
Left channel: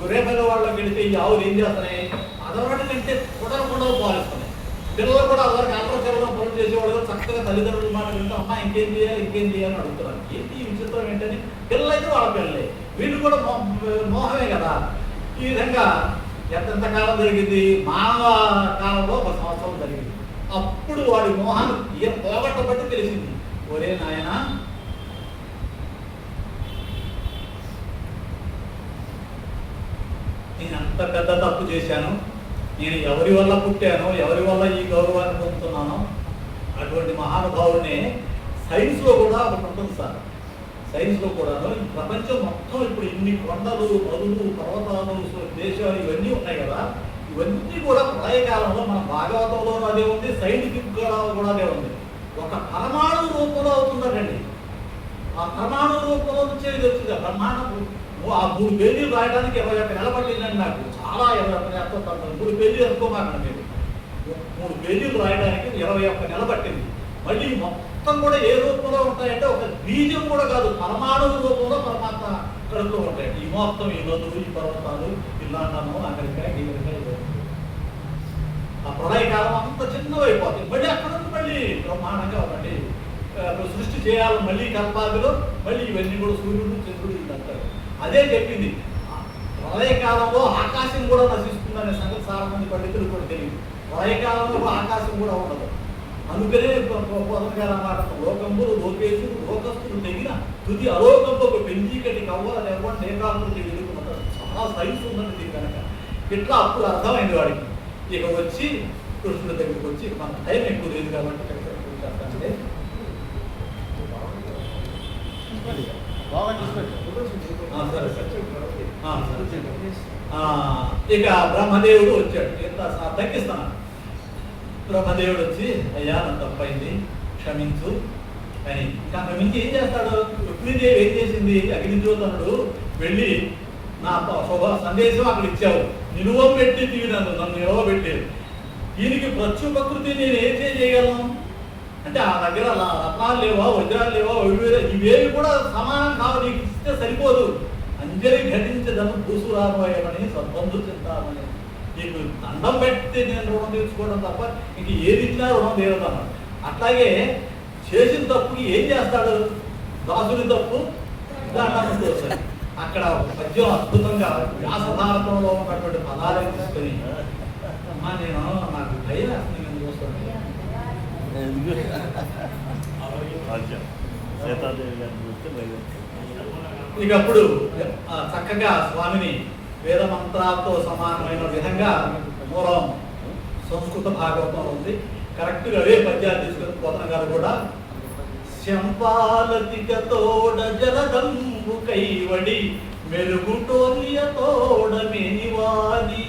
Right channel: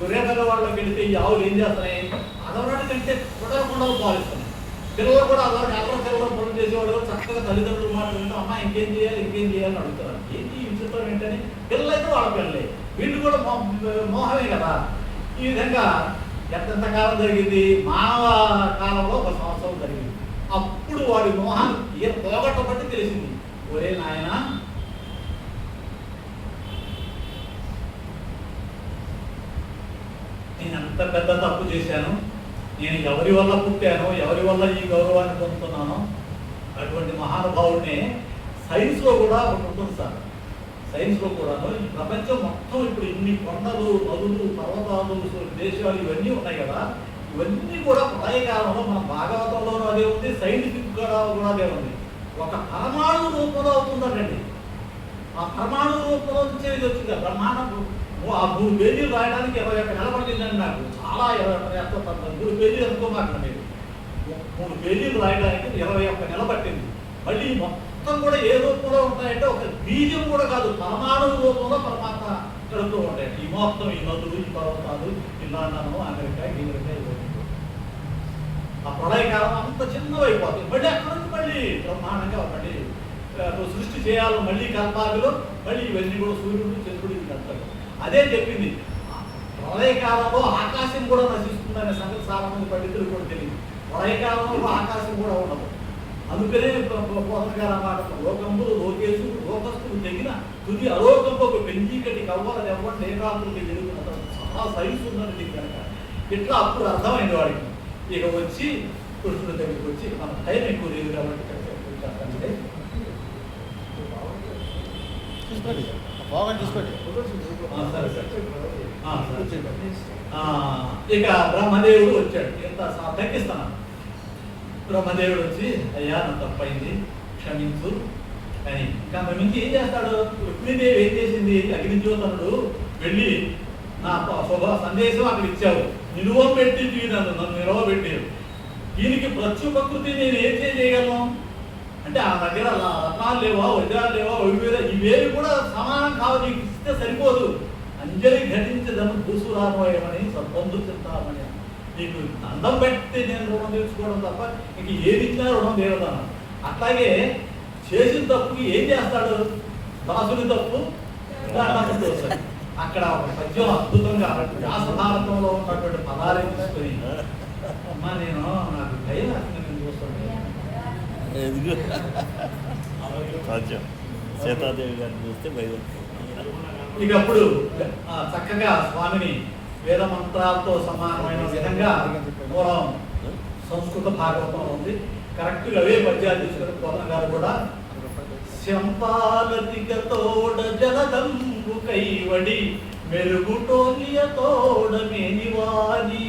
గొర్రెపల్లి వాళ్ళకి వెళితే ఈ ఆవులు ఏం చేస్తున్నాయి, అదొరటి కంటే కుదరకుండా పాలిస్తున్నాయి. పిల్లలు కూడా అదొరకు అగ్రచల్లో ఫోన్ చేసేవాడు చక్కగా తల్లిదండ్రుల మాట వింటూ అమ్మ ఇంకేం చేయాలని అడుగుతున్నారు. ఏంటి ఈ విచిత్రం ఏంటని. పిల్లలు అయితే వాళ్ళ పిల్లలే, వీళ్ళు కూడా మోహమే కదా. ఈ విధంగా ఎంతకాలం జరిగింది, మానవ కాలంలో 1 సంవత్సరం జరిగింది. అప్పుడు వాడి మోహాన్ని పోగొట్టబట్టి తెలిసింది, ఒరే నాయన నేను అంత పెద్ద తప్పు చేశాను, నేను ఎవరి వల్ల పుట్టానో, ఎవరి వల్ల ఈ గౌరవాన్ని పొందుతున్నానో అటువంటి మహానుభావుడిని సైన్స్లో కూడా ఒకటి ఉంటుంది సార్. సైన్స్లో కూడా ఈ ప్రపంచం మొత్తం ఇప్పుడు ఇన్ని కొండలు, నదులు, పర్వతాలు, దేశాలు ఇవన్నీ ఉన్నాయి కదా, ఇవన్నీ కూడా ప్రళయకాలంలో మన భాగవతంలో అదే ఉంది, సైంటిఫిక్ కూడా అదే ఉంది. ఒక పరమాణు రూపంలో అవుతుందండి. ఆ పరమాణు రూపంలో వచ్చేది వచ్చింది బ్రహ్మాండం. ఆ 3 పేజీలు రాయడానికి 21 నెలలు పట్టిందండి నాకు. చాలా 3 పేజీలు అనుకోమాకండి మీరు. 3 పేజీలు రాయడానికి 21 నెలలు పట్టింది. మళ్ళీ మొత్తం కూడా ఏ రూపంలో ఉంటాయంటే ఒక బీజం కూడా కాదు, పరమాణు రూపంలో పరమాత్మ కడుపులో ఉంటాయి. ఈ మొత్తం ఈ నదులు, ఈ పర్వతాలు, ఈ లండను, అమెరికా, ఆ ప్రళయకాలం అంత చిన్నవైపోతుంది. మళ్ళీ అక్కడ నుంచి మళ్ళీ బ్రహ్మాండంగా మళ్ళీ సృష్టి చేయాలి. మళ్ళీ కల్పాకులు, మళ్ళీ ఇవన్నీ కూడా సూర్యుడు, చంద్రుడు ఇదంటారు. అదే చెప్పింది. ప్రళయకాలంలో ఆకాశం కూడా నశిస్తుందనే సంగతి చాలా మంది పండితులు కూడా తెలియదు. ప్రళయకాలంలో ఆకాశం కూడా ఉండదు. అందుకనే పోతనగారు అన్నమాట, లోకంబులు లోకేశు లోకస్తులు తెగిన తుది అలోకంలో ఒక పెంచీకటి కవ్వల ఎవరిని ఏకాకృతి వెలుగుతుంటారు. చాలా సైన్స్ ఉందని దీని కనుక ఇట్లా అప్పుడు అర్థమైంది వాడికి. ఇక వచ్చి కృష్ణుడి దగ్గరికి వచ్చి మన టైం ఎక్కువ లేదు కాబట్టి చెప్పండి. ఇక బ్రహ్మదేవుడు వచ్చాడు. ఎంత తగ్గిస్తాను. బ్రహ్మదేవుడు వచ్చి అయ్యా నాకు తప్పైంది, క్షమించు అని. కానీ మించి ఏం చేస్తాడు? లక్ష్మీదేవి ఏం చేసింది? అగ్నిజ్యోతనుడు వెళ్ళి నా శుభ సందేశం అక్కడ ఇచ్చావు, నిలువ పెట్టి తీయను, నన్ను నిలవబెట్టారు. దీనికి ప్రత్యుపకృతి నేను ఏం చేయగలను అంటే ఆ దగ్గర రత్నాలు లేవా, వజ్రాలు లేవా, ఇవేవి కూడా సమానం కావు, నీకు ఇస్తే సరిపోదు. అంజలి ఘటించదను భూసురామయమని సద్బంధు చింతామని. నీకు దండం పెడితే నేను రుణం తీర్చుకోవడం తప్ప ఇంక ఏది ఇచ్చినా రుణం దేవతాను. అట్లాగే చేసిన తప్పుకి ఏం చేస్తాడు? దాసుని తప్పు దండం చేస్తాడు. అక్కడ ఒక పద్యం అద్భుతంగా వ్యాసభారతంలో ఉన్నటువంటి పదాలను తీసుకొని, అమ్మా నేను నాకు భయం నేను చూస్తుంటే ఇక అప్పుడు చక్కగా స్వామిని వేద మంత్రాలతో సమానమైన విధంగా మూలం సంస్కృత భాగవతం ఉంది. కరెక్ట్గా అవే పద్యాలు తీసుకొని పోతన గారు కూడా శంపాలతిక తోడ జలదంబు కైవడి మెరుగుటోలియ తోడ మేనివాని.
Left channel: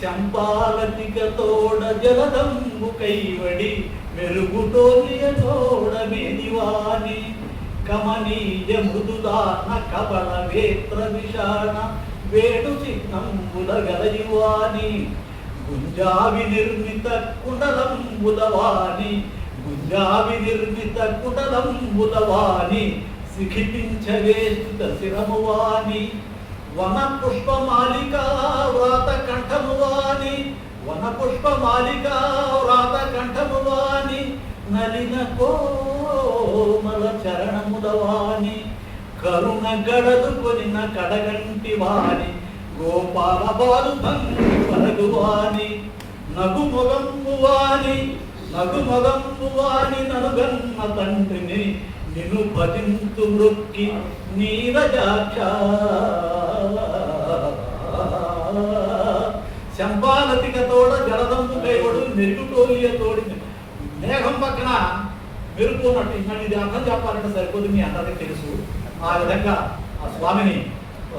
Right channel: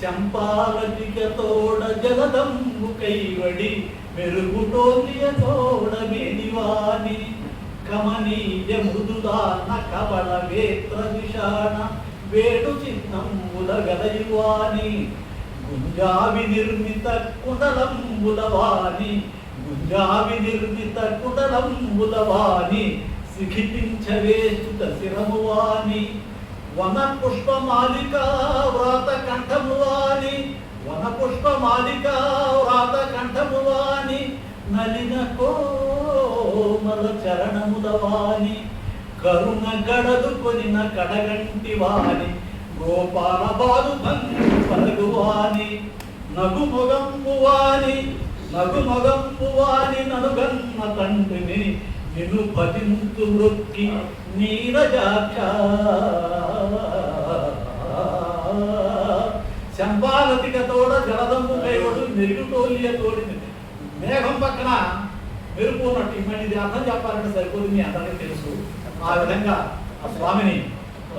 శంపాలతిక తోడ జలదంబు కైవడి మెరుగుటోలియ తోడ మేనివాని. కమనీయ మృదుదాన కపల వేత్ర విషాణ వేడు చిహ్నంబుల గలయువాని. గుంజావి నిర్మిత కుండలంబులవాని, గుంజావి నిర్మిత కుండలంబులవాని. సిఖితించవేస్తుత శిరమువాని. వన పుష్పమాలికా వ్రాత కంఠమువాని, వన పుష్పమాలికా వ్రాత కంఠమువాని. నలిన కోమల చరణములవాని, కరుణ గడలు కొనిన కడగంటి వాని. గోపాల బాలు పలుగువాని. నగు మొగంబువాని, నగు మొగంబువాని. నలుగన్న తండ్రిని నిన్ను భజింతు మృక్కి నీరజాక్ష. శంపాలతిక తోడ జలదంబు కైవడు మెరుగుటోలియ తోడి. మేఘం పక్కన మెరుపు ఉన్నట్టు. మళ్ళీ ఇది అర్థం చెప్పాలంటే సరిపోదు, మీ అందరికీ తెలుసు. ఆ విధంగా ఆ స్వామిని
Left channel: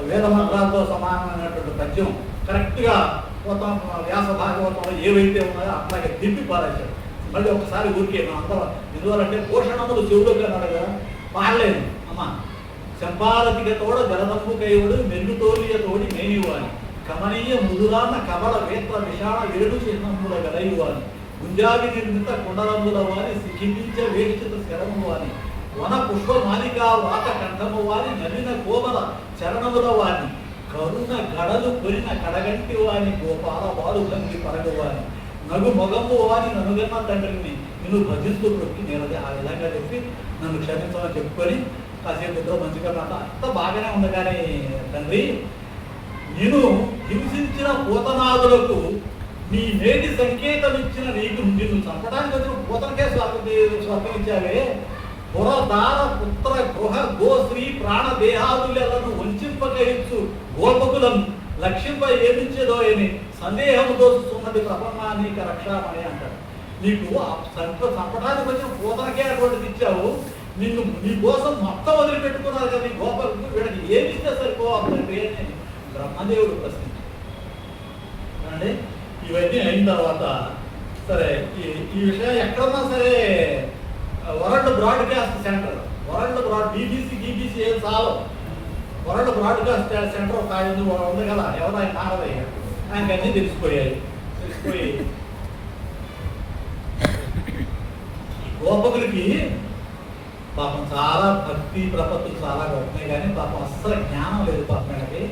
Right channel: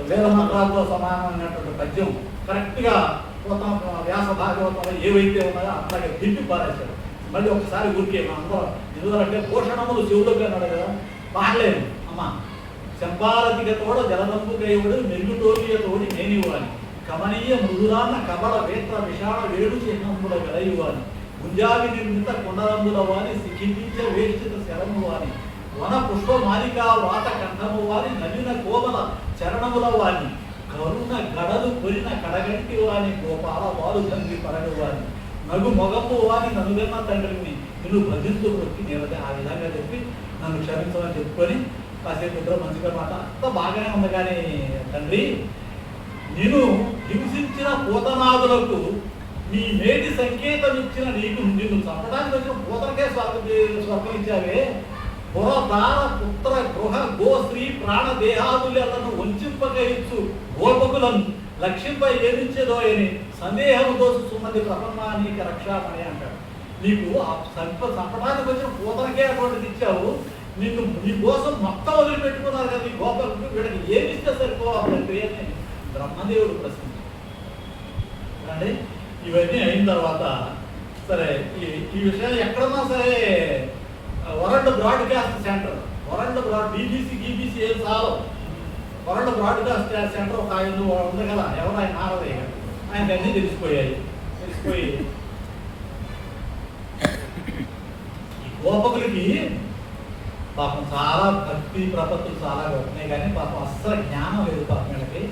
వేద మంత్రాలతో సమానమైనటువంటి పద్యం కరెక్ట్గా వ్యాస భాగవతంలో ఏవైతే ఉన్నాయో అట్లాగే తిప్పి పారేశాడు. మళ్ళీ ఒకసారి ఊరికే అందరూ ఎందువల్లంటే పోషణములు చెవులకు అన్నాడు కదా, పాడలేదు. అమ్మ శంపాలతిక తోడ జలదంబు కైవుడు మెరుగుటోలియ తోడి మేనివాని. కమనీయ మృదురాన్న కబల వేత్ర విషాణ వేడు చిహ్నముల గలయువాని. గుంజావి నిర్మిత కుండలంబుల వాని. సిఖించ వేష్టిత శరము వాని. వన పుష్పమాలికా వాత కంఠము వాని. నలిన కోమల చరణముల వాని. కరుణ గడలు కొరిన కడగంటి వాని. గోపాల వారు తంగి పరగు వాని. నగు మొగంబు వాని. ననుగన్న తండ్రిని నిన్ను భజిస్తూ ప్రొక్కి నిలది. ఆ విధంగా చెప్పి నన్ను క్షమించమని చెప్పుకొని కాసేపు ఇద్దరు మంచిగా మాట అంతా బాగానే ఉంది. కానీ తండ్రి, నేను హింసించిన పూతనాదులకు నీ నేటి సంకేతం ఇచ్చిన నీకు నిన్ను చంపడానికి వచ్చిన పూతనకే స్వర్గమిచ్చావే. పురదాన పుత్ర గృహ గోశ్రీ ప్రాణ దేహాదులను వంచింపకయచ్చు గోపకులను లక్ష్యంపై ఏమిచ్చేదో అని సందేహంతో సుమతి ప్రపన్నానికి రక్షామణి అంటాడు. నీకు ఆ సంపడానికి వచ్చిన పూతనకే అటువంటిది ఇచ్చావు, నిన్ను నీ కోసం మొత్తం వదిలిపెట్టుకున్నారు కదా నీ గోపకు, వీళ్ళకి ఏమి ఇస్తే సరిపోవాలి తండ్రి అని బ్రహ్మదేవుడు ప్రశ్నించాడు. ఇవన్నీ అయిన తర్వాత సరే ఈ విషయం ఎక్కడన్నా సరే వరల్డ్ బ్రాడ్కాస్ట్ సెంటర్, బీబీసీ గీబీసీ ఏం చాలు, వరల్డ్ బ్రాడ్కాస్ట్ సెంటర్ ఒక ఆయన ఉంది కదా, ఎవరైనా నారదయ్య గారు, ఆయనకి అన్నీ తెలిసిపోయి ఈ గోపకులకి పాపం చాలా భక్తి ప్రపత్తులు చాలా గొప్పనే, కానీ పాపం అస్సలు జ్ఞానం లేదు పాపం వీళ్ళకి.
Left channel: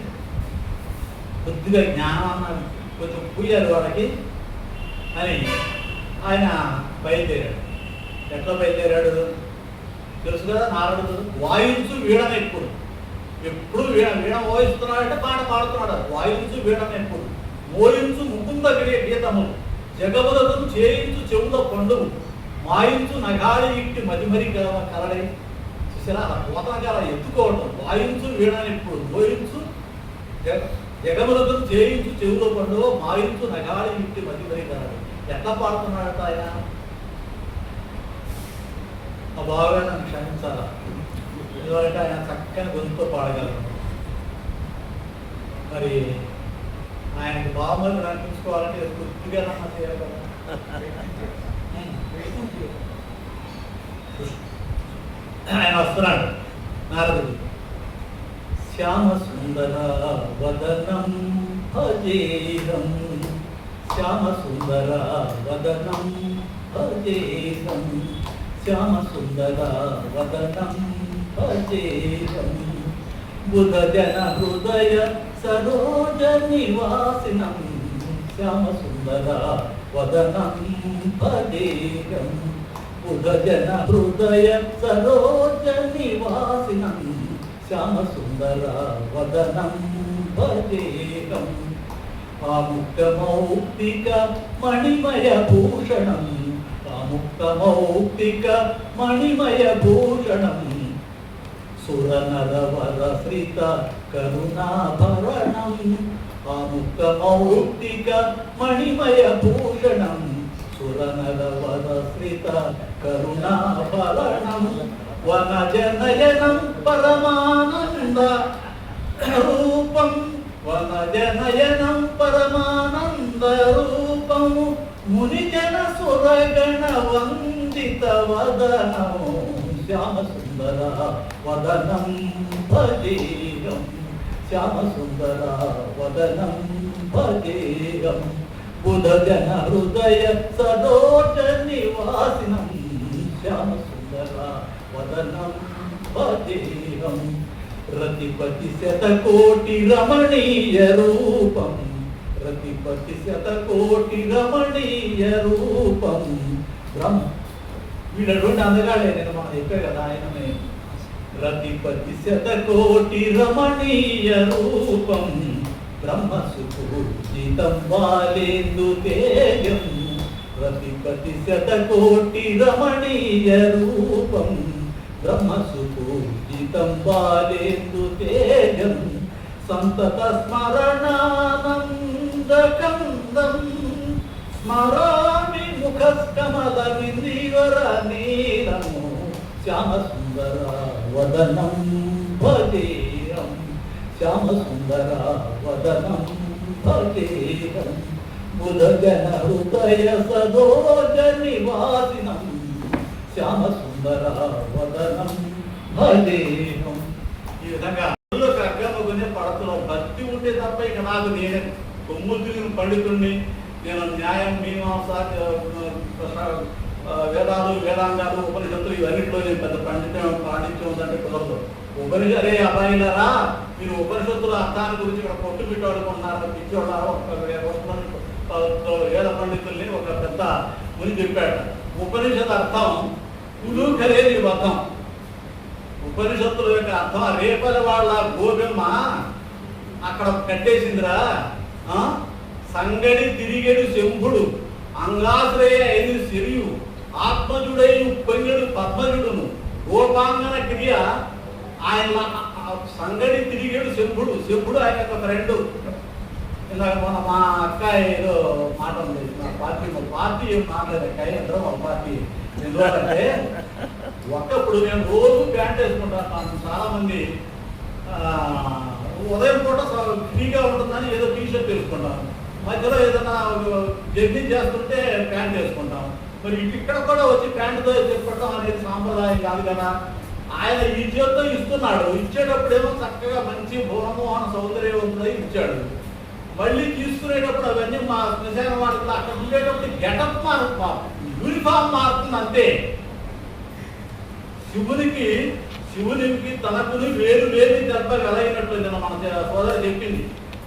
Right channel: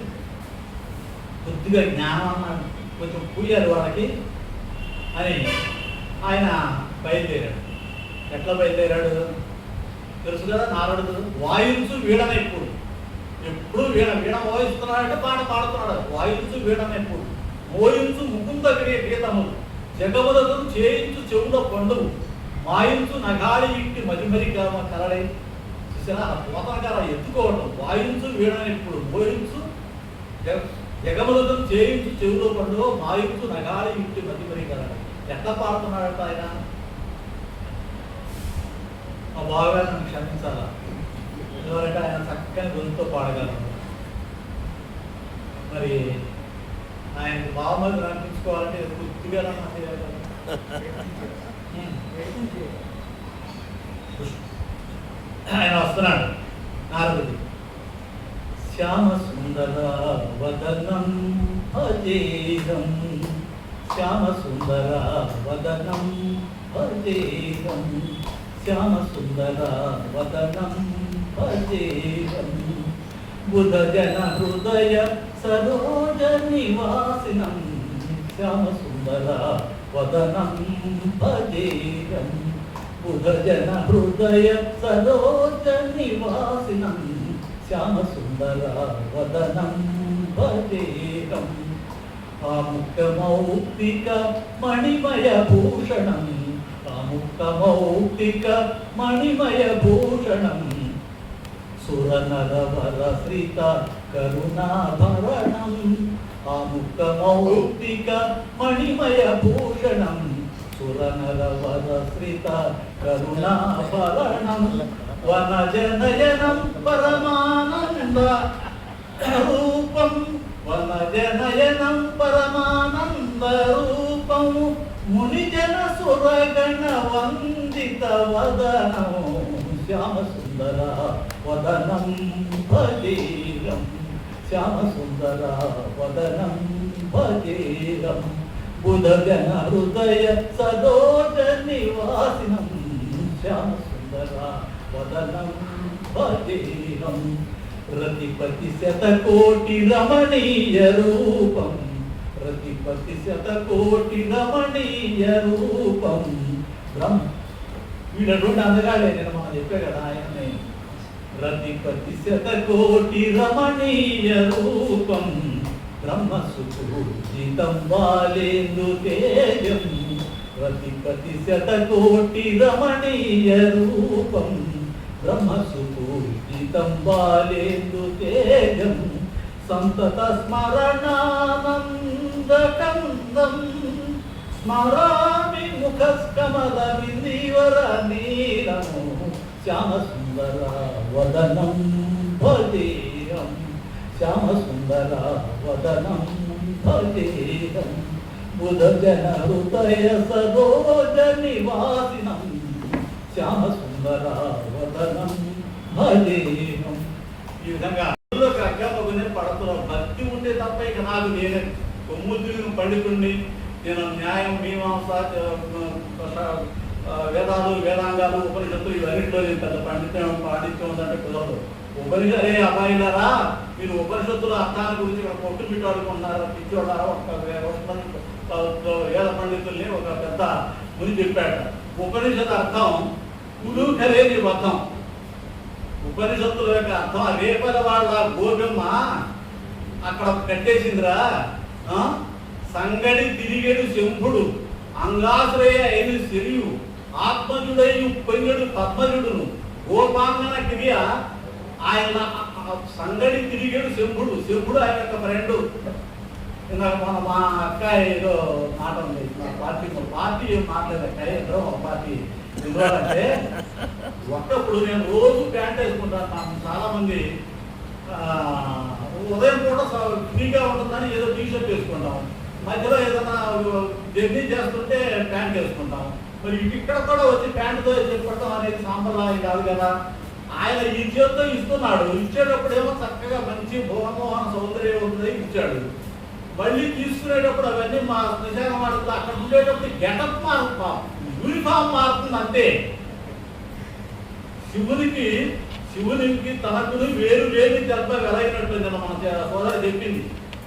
కొద్దిగా జ్ఞానాన్ని కొంచెం పూయారు వాళ్ళకి అని ఆయన బయలుదేరాడు. ఎట్లా బయలుదేరాడు తెలుసు కదా, నారదుడు వాయించు వీడన ఎప్పుడు వీణ వాయిస్తున్నాడంటే పాట పాడుతున్నాడు. వాయించు వీడన ఎప్పుడు మోయించు ముకుంద గీతము జగములకు చేయించు చెవుల పండుగ మాయించు నగాలి ఇంటి మరిమరి కరడై చూసినా పోతన కాల ఎత్తుకోవడం. వాయించు వీడన ఎప్పుడు మోయించు జగములకు చేయించు చెవుల పండుగ మాయించు నగాలి ఇంటి మరిమరి కరడై. ఎట్లా పాడుతున్నాడట ఆయన? ఆ బాగా నన్ను క్షమించాలా, ఎందుకంటే ఆయన చక్కని గొంతుతో పాడగలరు. మరి ఆయనకి బామలు నడిపించుకోవాలంటే పూర్తిగా చేయాలి కదా. ఆయన వస్తున్నాడు నారదుడి. శ్యామ సుందర వదనం అజేయం, శ్యామ సుందర వదనం అజేయం, శ్యామ సుందర వదనం అజేయం, బుధ జన హృదయ సరోజ నివాసినం, శ్యామ సుందర వదనం అజేయం, బుధ జన హృదయ సరోజ నివాసినం, శ్యామ సుందర వదనం అజేయం, ఆముక్తమౌక్తిక మణిమయ భూషణం, ఆముక్తమౌక్తిక మణిమయ భూషణం, సురనరవర శ్రిత కరుణాభరణం, ఆముక్తమౌక్తిక మణిమయ భూషణం, సురనరవర శ్రిత కరుణాభరణం, వనజనయనం పరమానంద రూపం, వనజనయనం పరమానంద రూపము, మునిజన సురగణ వందిత వదనము, శ్యామ సుందర వదనం భజేయం, శ్యామ సుందర వదనం భజేయం, బుధ జన హృదయ సరోజ నివాసినం, శ్యామ సుందర వదనం భజేయం, రతిపతి శతకోటి రమణీయ రూపం, రతిపతి శతకోటి రమణీయ రూపం, వీళ్ళటువంటి అందగాడే నేను మనం చెప్పే కదా ఆయననే. రతిపతి శతకోటి రమణీయ రూపం, బ్రహ్మసుపూజితం బాలేందు తేజం, రతిపతి శతకోటి రమణీయ రూపం, బ్రహ్మసుపూజితం బాలేందు తేజం, సంతత స్మరణానందకందం, స్మరామి ముఖస్కమలమిందివర నీలము, శ్యామ సుందర వదనం భజేయం, శ్యామ సుందర వదనం భజేయం, బుధ జన హృదయ సరోజ నివాసినం, శ్యామ సుందర వదనం భజేయం. ఈ విధంగా అగ్గమగునే పడుతున్నాం. భక్తి ఉంటే తప్ప ఇక నాకు నేనే కొమ్ములు పండితుడిని, నేను న్యాయం మీమాంస వేదాలు వేదాంగాలు ఉపనిషత్తులు ఇవన్నింటిలో నేను పెద్ద పాండిత్యం ఉందంటే పిల్లలు ఉపనిషత్ అరే అబ్బాయిలారా మీరు ఉపనిషత్తుల అర్థాన్ని గురించి ఇక్కడ కొట్టు పెట్టుకుంటున్నారా, పిచ్చోడారా, ఒక వేద పండితుల్ని ఒక పెద్ద ముని చెప్పాడు. ఉపనిషత్ అర్థం కుడు ఖలేని బద్ధం. ఉపనిషత్తుల యొక్క అర్థం రేపల వాళ్ళ గోబెమ్మ అక్కడ కట్టేసిందిరా, సంగడి తిరిగేడు శంభుడు, అంగాశ్రయ అయిన శరియు, ఆత్మజుడై పొంగడు పద్మజుడును, గోపాంగన క్రియ ఆయన సంగడి తిరిగేడు శంభుడు. శంభుడు ఆయన యొక్క ఫ్రెండు, ఇందాక మా అక్క ఏదో మాట ఉంది, మా పార్టీ ఏం మాట్లాడదు అక్క, అందరూ ఒక పార్టీ. ఎందుకంటే ఒకప్పుడు నేను రోజు ప్యాంట్ వేసుకుంటాను. చాలా మంది ఉదయం కూడా ఫ్రీగా ఉంటుందని ఏదో టీషర్ట్ వేసుకుంటాం, మధ్యలో ఏదైనా జర్నీ చేస్తుంటే ప్యాంట్ వేసుకుంటాం. మరి ఇక్కడ కూడా వచ్చి ప్యాంటుతో చెప్పడం అనేది సాంప్రదాయం కాదు కదా. ఆయన ఈ చేతితో ఇస్తున్నాడు, ఇచ్చేటప్పుడు ఏమో చక్కగా మంచి భూమోహన సౌందర్యవంతుడై ఇచ్చాడు. మళ్ళీ తీసుకునేటప్పుడు అవన్నీ మా శ్మశాన వాడుతుంది. అక్కడ ఉండేటప్పుడు గెటప్ మారుతా, యూనిఫామ్ మారుతుంది అంతే. శివునికి తనకుని వేరు వేరు దెబ్బ వెలైనట్లు మన సోదరు చెప్పింది.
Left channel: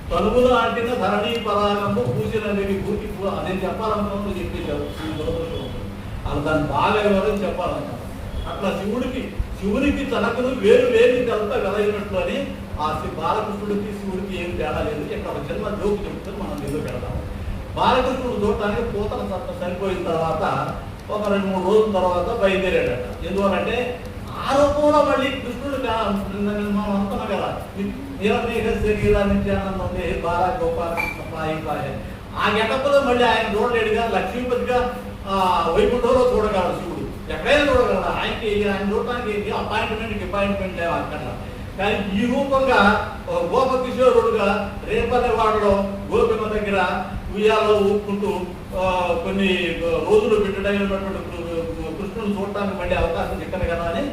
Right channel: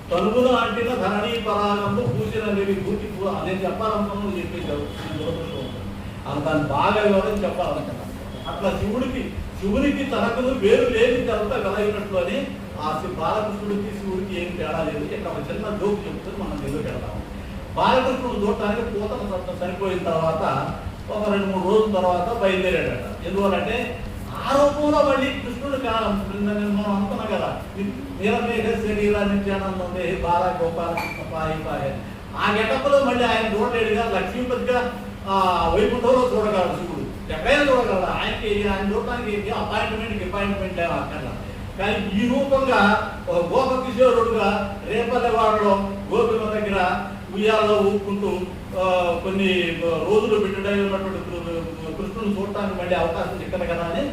తనుగులు అంటిన ధరణి పరాగము పూసిన వేవి భూతి నేను చెప్పాలనుకున్నాను చెప్పింది. అలా దాన్ని బాగా వివరం చెప్పాలనుకున్నాను. అట్లా శివునికి తనకును వేరు వేరు దెబ్బ వెలైనట్లు అని ఆ బాలకృష్ణుడికి శివుడికి ఏం తేడా లేదు. ఇక్కడ చిన్న జోకు చెప్తారు, మనం ఎందుకు వెళ్దాం. బాలకృష్ణుడు చూడటానికి పూతన సత్తం సరిపోయిన తర్వాత ఒక 2-3 రోజుల తర్వాత బయలుదేరాడట. ఎందువలంటే ఆ రూపంలో మళ్ళీ కృష్ణుడు మనం అనుకున్నాం కదా, నీలమేఘ శరీరాన్ని ఆనందం బాల గోపాల కృష్ణ పాయి పాయ. ఆ గెటప్లో మళ్ళీ ఆయన చూడలేడుగా, లక్ష్మీపతిగా వైకుంఠంలో చూడగలడు శివుడు, ఎక్కడైనా చూడగలడు. ఆయన చూడటానికి అపాయింట్మెంట్ అక్కడ. కానీ ఈ రూపంగా గోపకిశోరుడుగా రేపల్లెవాడలో గోపిమ దగ్గర ఉయ్యాలో ఊపుకుంటూ కొన్ని రోజులు బిడ్డడై ఉన్నటువంటి కృష్ణుని చూడటానికి మళ్ళీ అవకాశం చిక్కదు కదా అని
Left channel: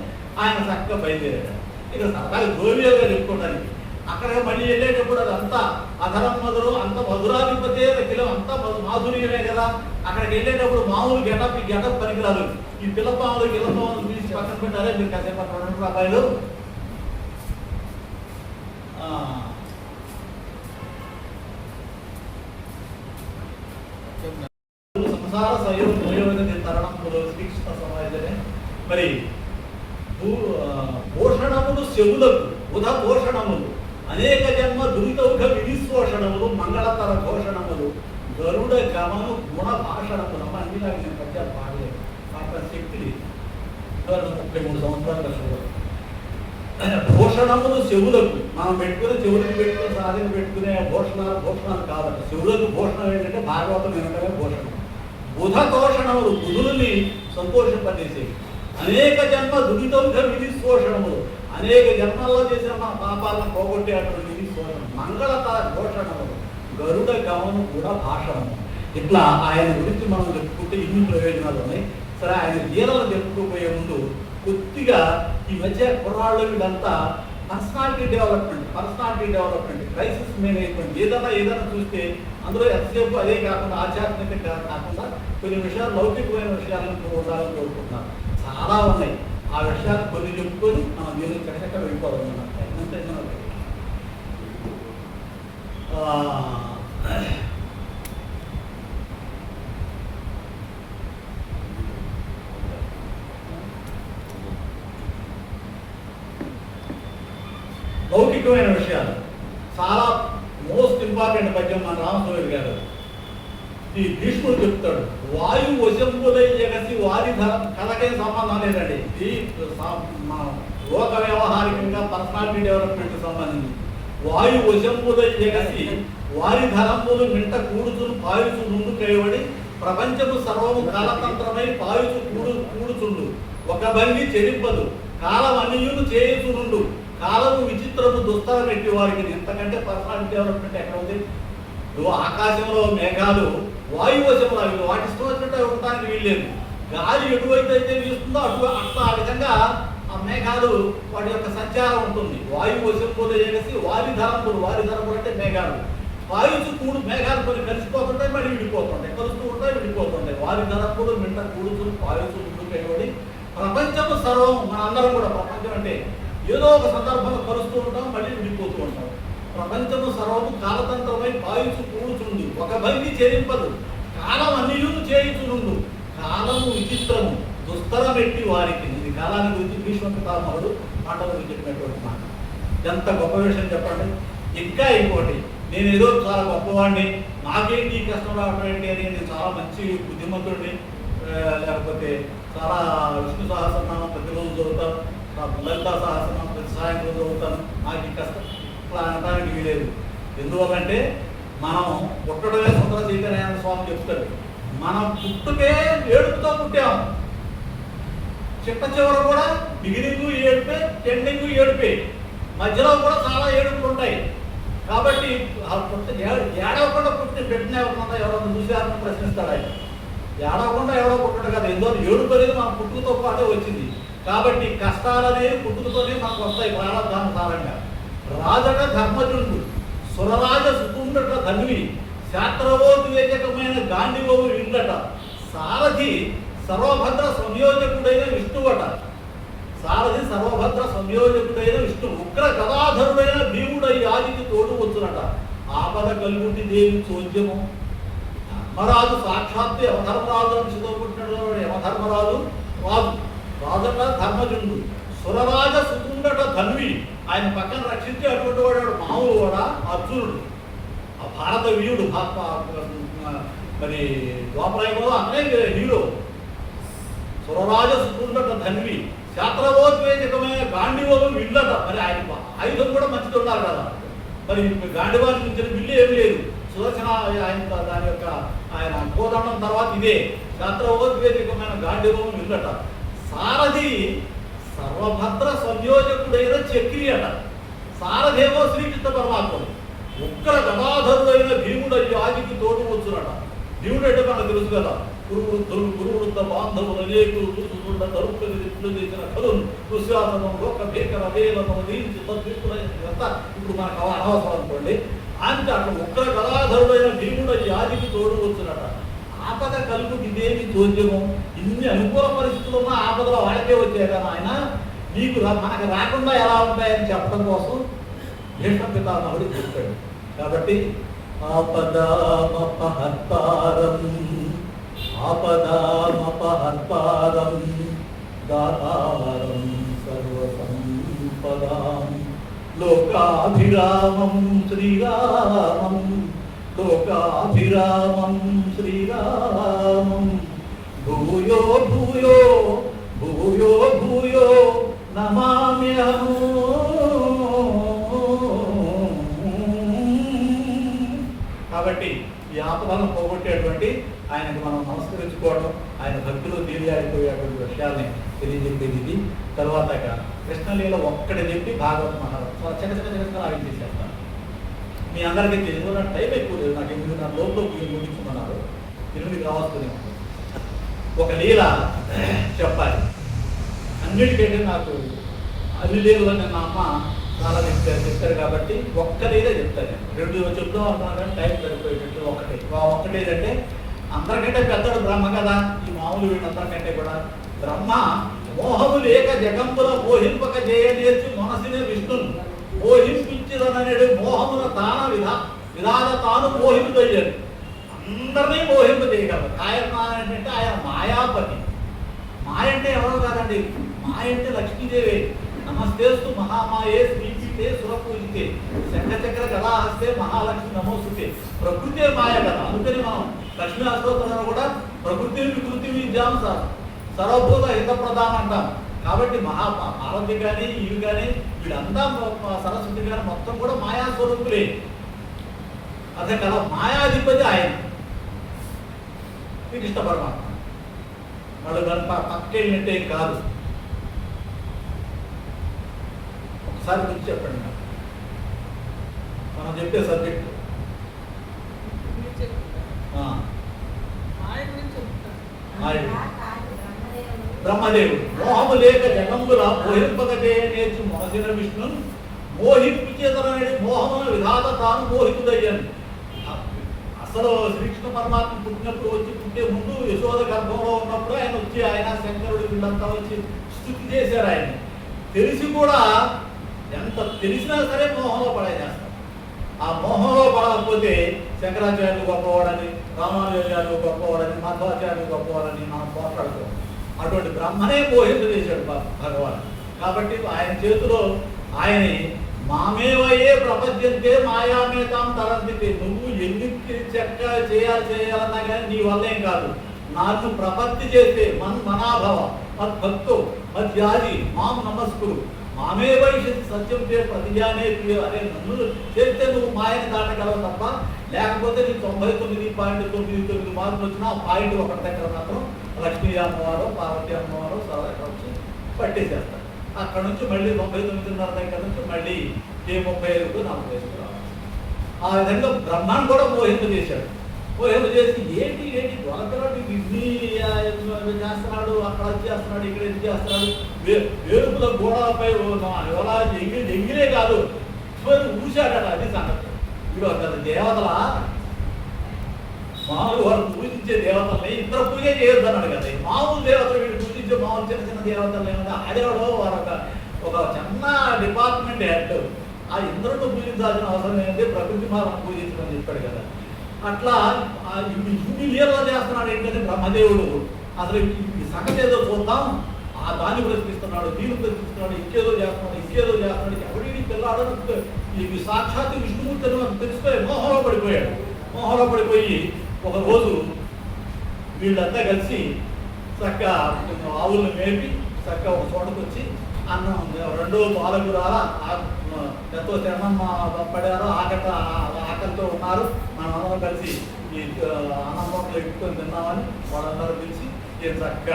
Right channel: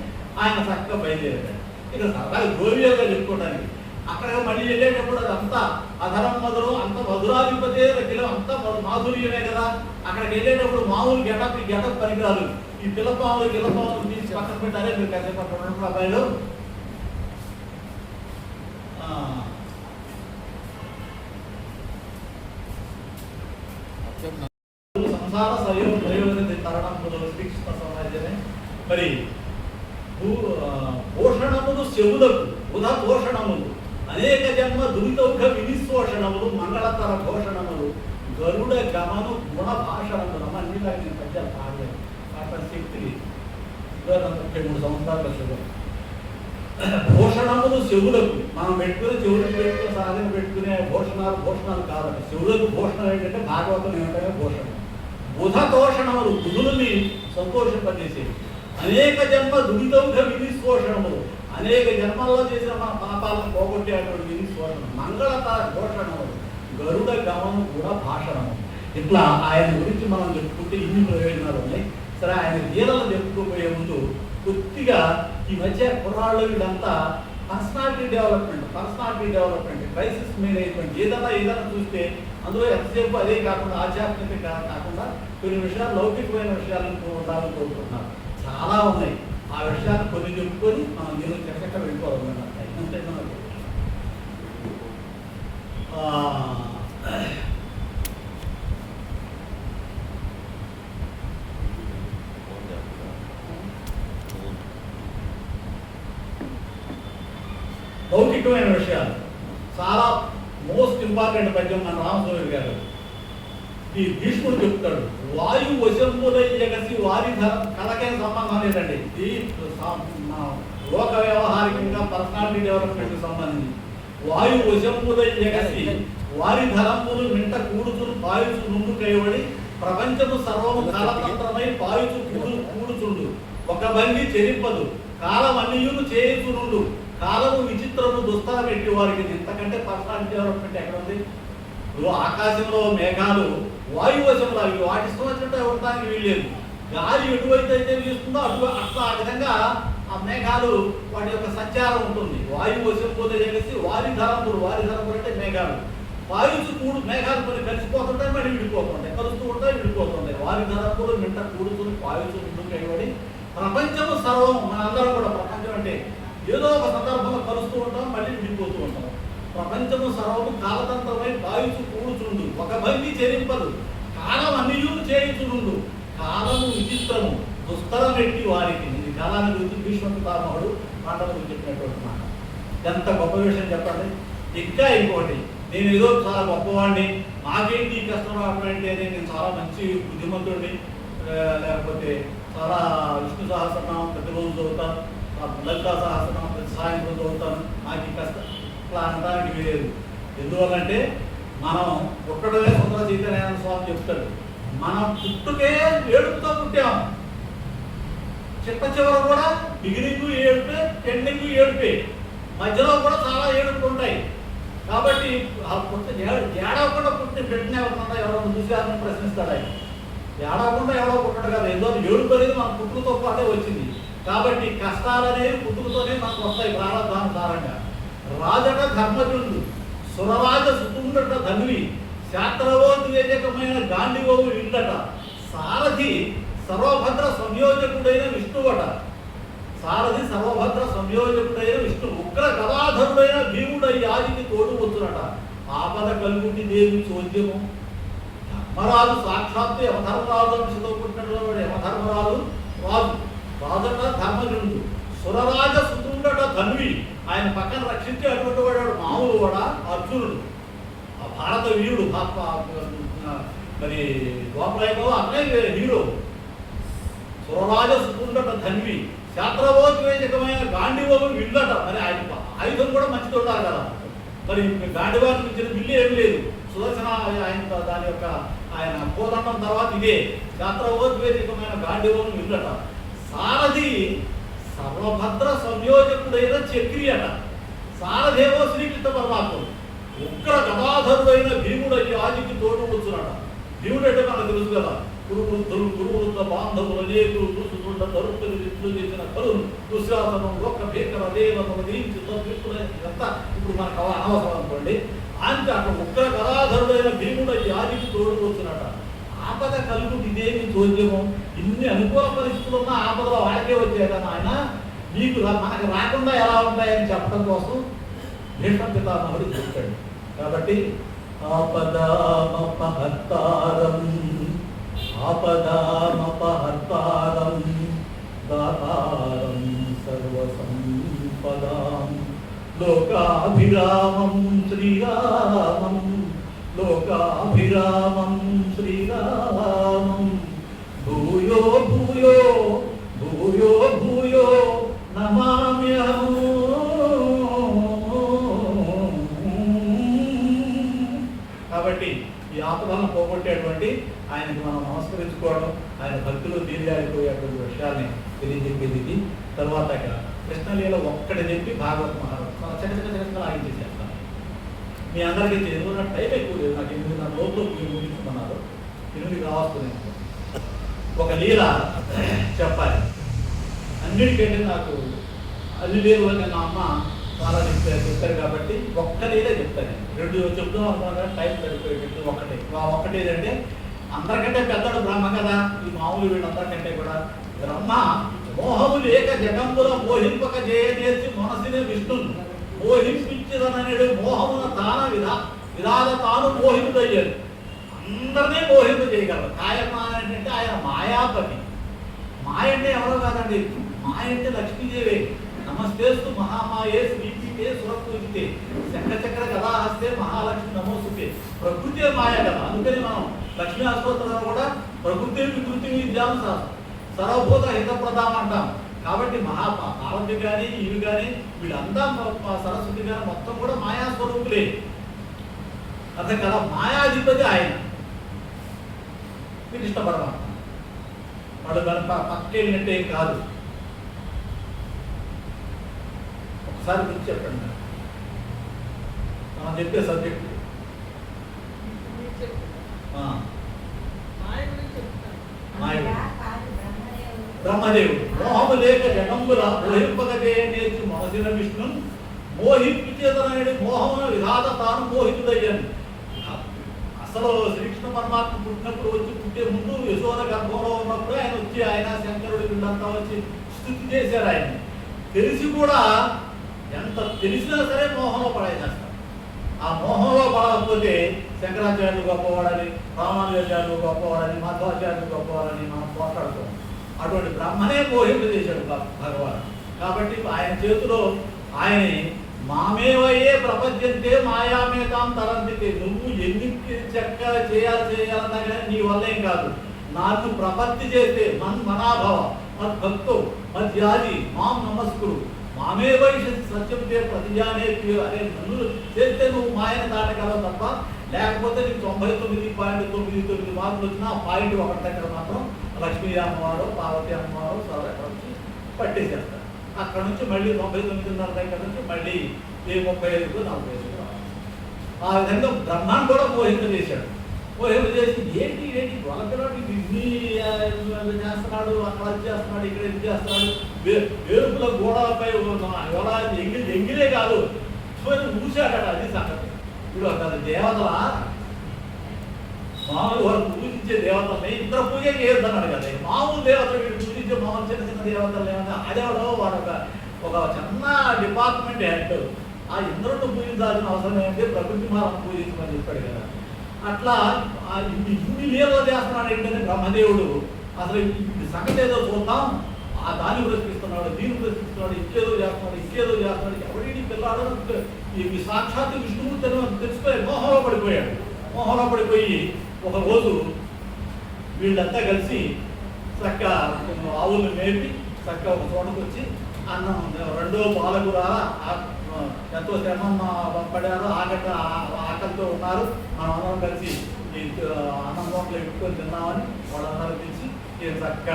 ఆయన చక్కగా బయలుదేరాడు. ఇక సరదాగా గోవియోగా చెప్పుకోవడానికి అక్కడ మళ్ళీ వెళ్ళేటప్పుడు అదంతా అధరం మొదలు అంత మధురాధిపతే కిలో అంతా మాధుర్యమే కదా. అక్కడికి వెళ్ళేటప్పుడు మామూలు గెటప్ పనికిరాదు. ఈ పిల్లపాములు తీసి పక్కన పెట్టాలి. మీరు కాసేపు అక్కడ అబ్బాయిలు సంసార సయోగ తరణం శ్రీకృష్ణ సమాజమే. మరి పోషణములు శవులకు ఉద పోషణములు అనేక జన్మ దురితౌఘ విధిశోషణములు మంగళతర భోషణములు గరుడ గమను గుణ భాషణములు. అమ్మ అన్నిలాగా నేను పద్యాలు పాడలేదు, పాట శక్తి 33 సంవత్సరాల భూషణములు శివులకు మనం చెవులకు సాధన పెట్టుకునే భూషణాలు కాదట. శివులకు భూషణం ఏంటంటే భాగవతం ఏమిటనే భూషణం. బుధ తోషణములు బుధుల్ని సంతోషింపజేసే. అనేక జన్మ దురితౌఘ విధిశోషణములు అనేక జన్మల్లో చేసిన మన పాపాలను పోగొట్టేటువంటి విధిశోషణం. మంగళతర భూషణములు గరుడ గమము కూడా భాషణము. ఇట్లా ఆయన గురించి మనం చెప్పుకుంటే ఇన్ని ప్రయోజనాలు ఉన్నాయి. సరే, ఆయన లీలలు చెప్పుకోబోయే ముందు కొద్దిగా ఈ మధ్య కుర్రాళ్ళు వీళ్ళంతా పర్సనాలిటీ డెవలప్మెంట్ క్రైసిస్ మేనేజ్మెంట్ ఏదైనా చూస్తే అందులో ఎంతసేపు అదే కాకుండా ఆధ్యాత్మిక కాకుండా కొన్ని విషయాలు లౌకికమైన విషయాలను ఉండాలని కోరుకుంటున్నారు. చాలా ఉన్నాయి. ఆ విషయాలు కొన్ని చెప్పుకొని మనం మీరు చక్కగా వెళ్ళిపోవాలన్నమాట. లౌకికమైన విషయాలు చాలా మోస్ట్ ఇంపార్టెంట్ పద్యం మన రామస్వామి గారు. ఈ భీష్ముడు చెప్తాడు, వాయు వశంబులై ఎగసి వారి కథకేం సంబంధం లేదండి. ఇది లోక వ్యవహారికంగా పర్సనాలిటీ డెవలప్మెంట్ సంబంధించి. వాయు వశంబులై ఎగసి వారి ధరంబులు మింట కూడుతులు పాయుచు ముందు కైవడి ప్రపంచము సర్వము కాలతంత్రమై పాయుచు కూడుచుండు ఒక భంగి చెరిపదు కాలం అన్నియులు చేయుచునుండు కాలము విచిత్రము దుస్తర పెట్టి వారికి. ఇంతకంటే పర్సనాలిటీ డెవలప్మెంట్ ఎక్కడ ఉంది? ఇప్పుడు ఆకాశంలో మేఘాలు వాయువశంలో అవి వాటి ఇష్టం వచ్చినట్టు ఉండడానికి వీల్లేదు. గాలి ఎటువైతే అయితే వీస్తుందో అట్లా ఆ విధంగా ఆ మేఘాలు వాటి యొక్క సంచారం ఉంటుంది. వాయువశం పోతే చేసి వారి ధరంపులు అంటే మేఘాలు వాయుసు కూడు మేఘాలు కొన్ని కలిసిపోతుంటాయి, మళ్ళీ విడిపోతుంటాయి, కలుస్తూ ఉంటాయి, విడిపోతుంటాయి. వారి ధరంపులు మింట కూడుతులు వాయుసు ముందు కైబడి ప్రపంచము సర్వం. మనందరం కూడా ప్రపంచం అంటే ఏదో ఒక సందర్భంలో కలుస్తూ ఉంటాం, మళ్ళీ విడిపోతూ ఉంటాం. ప్రపంచము సర్వము కాలతంత్రమై పాయుచు కూడుచుండు ఒక భంగి చేరింపదు కాలం అన్నియూ చేయుచుండు కాలము విచిత్రము దుస్తరం పెట్టి వారికి. ఈ కాలాన్ని గురించి భీష్మ పితామహుడు మాటల గురించి చెప్పినటువంటి మాట. ఎంత గొప్ప విషయం చెప్పండి. ఇంకా ఇంకోటి, నేను ఏదో చాలా గొప్పవాడిని, నాకేంటి ఈ కష్టం రావడం ఏంటి అని, నేను చాలా మంచి బుద్ధిమంతుడిని, లేకపోతే చాలా విష్ణు సహస్రనామం ప్రతిరోజు చదువుతాను, లలితా సహస్రనామం ప్రతి సాయంత్రం చదువుతాను, నాకు ఈ కష్టం ఇట్లా అనడానికి వీలేదు. ఎందువల్లంటే మనం పుట్టడమే సుందర చైతన్యానంద స్వామి చెప్తాడు, మనం పుట్టుకే ఏడుపుతో పుట్టాము. చిట్ట చివర కూడా బిగినింగ్ ఏడుపే, ఎండింగ్ ఏడుపే, మధ్యలో కూడా చాలా ఏడుపులు ఉంటాయి. కాబట్టి ఏడవకుండా పుట్టిన బిడ్డనే ఎవరో చూసారని ప్రశ్నిస్తాడు ఆయన. ఏడవకుండా ఎవరో పుట్టడు కదా, ఏదో ఏడుపు అనేది మన పుట్టుకతో పాటే వచ్చింది. కాబట్టి కష్టాలు అనేది పుట్టుకతోనే మనకు వస్తాయి ప్రారంభానుసారంగా. రాజట ధర్మజుడు, సురరాజ సుతుండట ధనువి, శాస్త్రవోద్వేజకమైన గాంధీవవు ఇండట, సారథి సర్వభద్ర సంయోజకుడైన విష్ణువట. సారథి సర్వభద్ర సంయోజకుడైన విష్ణు, ఉగ్ర గదాధరుడైన భీముడై ఆదికి తోడు వచ్చునట. ఆపద కలుగుండి దేవి చోద్యము, ధర్మరాజు సాక్షాత్తు యమధర్మరాజు అంశతో పుట్టినటువంటి యమధర్మరాజు రాజు. రాజట ధర్మజుడు, సురరాజ సుతుండట ధన్వి, ఆయన పక్కన రక్షించి అటువంటి వాడు మామూలు కూడా అర్జునుడు, ఆ భారత వీరుడు. మరి ద్వాపరయుగంలో అతనే హీరో. సురరాజ సుతుండట ధన్వి, శాస్త్రవోద్వేజకమైన గాంధీవము విల్లట. మరి ఆయన ఆయుధం కూడా మంచిది ఉండాలి కదా. మరి గాంధీవానికి ఇచ్చిన విల్లు ఏమి లేదు. సుదర్శన ఆయన దాని యొక్క ఆయన కోదండం తర్వాత ఇదే శాస్త్రవోద్వేజకమైన గాంధీవము విల్లట. సారథి సర్వభద్ర సంయోజకుడైన చక్రి అట. సారథేమో శ్రీకృష్ణ పరమాత్ముడు, ఉగ్ర గదాధరుడైన భీముడయ్యి ఆదికి తోడు వచ్చునట. భీముడు అంటే మనకు తెలుసు కదా, గురువృద్ధులు గురువృద్ధ బాంధవులు అనేకులు ఋతుతుండ తరుపుని విట్లు చేసిన కలు దుశ్శాసనం లోక భేకర ఇదంతా ఇప్పుడు మనకు అనవసరం అనుకోండి. అంటే అక్కడ ఉగ్ర గదాధరుడైన భీముడయ్యి ఆదికి తోడు వచ్చునట. ఆపద కలుగు ఇదేమి చోద్యము, ఇన్ని అనుకూల పరిస్థితులు ఉన్న ఆపదలో వాడికే వచ్చాయి కదా ఆయన, నీకు మనకు రాకుండా ఎలా ఉంటాయని చెప్పడం కోసం భీష్మ పితామహుడు చెప్పాడు. కాబట్టి ఆపదామపహర్తారం ఆపదామపహర్తారం దాతారం సర్వసంపదాం లోకాభిరామం శ్రీరామం లోకాభిరామం శ్రీరామం భూయో భూయో భూయో భూయో నమామ్యహం. కాబట్టి ఈ ఆపదలను పోగొట్టేటువంటి ఆయనకు మనం నమస్కరించుకోవడం, ఆయన భక్తులు తీరిపోయేటువంటి విషయాల్ని తెలియజెప్పేది ఇది. తర్వాత కృష్ణలీల ఒక్కటి చెప్పి భాగవతం చిన్న ఆగించేసేస్తాను. మీ అందరికీ ఎందుకు నాకు టైం ఎక్కువ లేదు, నాకు ఎందుకు నా లోపల ముగించుకున్నారు, ఎనిమిదికి రావాల్సింది. ఒక లీల చెప్పాలి అన్నిటికంటే నాకు అన్ని లీలలో నేను అమ్మ చాలా చెప్తారు కాబట్టి ఒక్క లీలే చెప్తాను. రెండు చెప్తాం అనుకున్నాను కానీ టైం సరిపోయేటట్టు ఒక్కటి ఏంటంటే, అందరికంటే పెద్దడు బ్రహ్మ కదా, ఈ మామూలు వీళ్ళందరికంటే కూడా. బ్రహ్మ మోహము లేక జగంబుల మోహింపక చేయనేర్చి మనసుని విష్ణును మోహింపించదననేడు మోహమున తాన విధాన తాను మోహింపయ్యాడు. అందరినీ మోహింప చేయగలరు. ఆయన అంటే ఆయన మాయాపతి. మాయ అంటే ఎవరో కాదండి, మాయ అంటే లక్ష్మీదేవి. నమస్తేస్తు మహామాయే శ్రీపీతే సురపూజితే శంఖచక్ర గదా హస్తే మహాలక్ష్మి నమోస్తుతే. ప్రకృతే మాయ కదా, అందుకని మనం లక్ష్మీ అష్టోత్తరంలో కూడా ప్రకృతిని వికృతి విద్యాను సర్వభూత హితప్రదానం అంటాం. కాబట్టి పార్వతి కానీ ఇవి కానీ వీళ్ళంతా సరస్వతి కానీ మొత్తం కూడా మాయాస్వరూపులే. అదే కదా, మాయాధిపతి ఆయన శ్రీకృష్ణ పరమాత్మ. వాళ్ళు దాని పక్కేంటంటే కాదు. ఒకసారి గురించి చెప్పండి, మనం చెప్పే సబ్జెక్టు. బ్రహ్మదేవుడు మోహము లేక జగంబుల మోహింపగదే నేర్చు మనసిన విష్ణు మోహించేదనడి మోహమును విధాత తాను మోహితుడయ్యాను. అసలు శ్రీకృష్ణ పరమాత్మ పుట్టినప్పుడు పుట్టే ముందు యశోద గర్భంలో ఉన్నప్పుడు ఆయన వచ్చి ఆయన శంకరుడు వీళ్ళంతా వచ్చి స్తుతి చేశారు. ఆయన తెలిసి కూడా ఎంత తెలిసినా సరే మోహంలో పడేసేస్తారు. ఆ మోహంలో పడకపోతే శంకరాచార్యులు గొప్పవాడని, రామానుజాచార్యులు గొప్పవాడని, మాధవాచార్యులు గొప్పవాడని మనం పోట్లాడుతాం. అటువంటి బ్రహ్మనే మోహింప చేశాడు భగవాన్. కాబట్టి ఆయన చేతిలో ఆయన మామేవయ్యే ప్రపంచంతే మాయామేతాం తరంతితే. నువ్వు ఎన్ని చెక్క చేయాలన్నా కానీ నీ వల్లేం కాదు. నాకు ప్రపత్తి చేస్తే మనాభవ మద్భక్తో మధ్యాది మాం నమస్కుడు మామే భవిష్యత్తు సత్యం చే ప్రతిజానే అనే నన్ను చేస్తే నువ్వు మాయని దాటగలవు తప్ప, లేకపోతే నీకు 99.99 మార్కులు వచ్చినా పాయింట్ ఒకటి దగ్గర మాత్రం లక్ష్మీ అమ్మవారు, పార్వతి అమ్మవారు ఎక్కడ వచ్చి పట్టేసేస్తారు. అక్కడ నుంచి మళ్ళీ 99.5 దగ్గర నుంచి మళ్ళీ 35కు 45కు రావాలి. ఆ విధంగా బ్రహ్మాన్ని కూడా మోహింపజేశాడు. మోహింపజేసి ఏంటి దొరకరాడు ఇన్ని చేస్తున్నాడు, అక్కడ చేస్తున్నాడు, ఇక్కడ ఇది చేస్తున్నాడు, వేరుపుల గోడలపై ఎలా ఎంగిలే కాదు ఊశాడట. అది సంగతి. ఇప్పుడు అక్కడ దేవతల మామూలు వారు పూజించే దేవతల్ని ఇద్దరు పూజ చేయొద్దన్నాడు కదా. మామూలు దేవతలు వీళ్ళు పూజించే మామూలు చిన్న చిన్న దేవతలు ఏమన్నా ఆడేవాడు వారు ఒక చిన్న డిపార్ట్మెంట్ హెడ్. ఆ ఇంద్రుడు పూజించాల్సిన అవసరం ఏంటి, ప్రకృతి మాలను పూజించమని చెప్పాడు కదా. అట్లా ఇన్ని లీలలు చేస్తున్నాడు ఏంటంటే బ్రహ్మదేవుడు. అసలు ఈ సంగతి ఏదో చూద్దాం, ఆ దాన్ని ప్రశ్నిస్తున్నాడు, దీన్ని ప్రశ్నిస్తున్నాడు, ఇంకేదో చేస్తున్నాడు, ఎవడి పిల్లాడో ఈ సాక్షాత్ విష్ణుమూర్తి తెలిసిపోయి మోహంలో పడిపోయి ఒక రోజు వీళ్ళంతా కలిసి చక్క ఆవులను మేపి చక్క ఒక చోటకు వచ్చి అన్నం రెండో పాలకూర ఎంతో శ్రమం పడారు, ఆకలితో ఉన్నారు, మనం అందరం కలిసి ఈ అన్నం మూటలు ఎక్కుకొని తిన్నామని వాళ్ళందరూ తెలిసి చక్క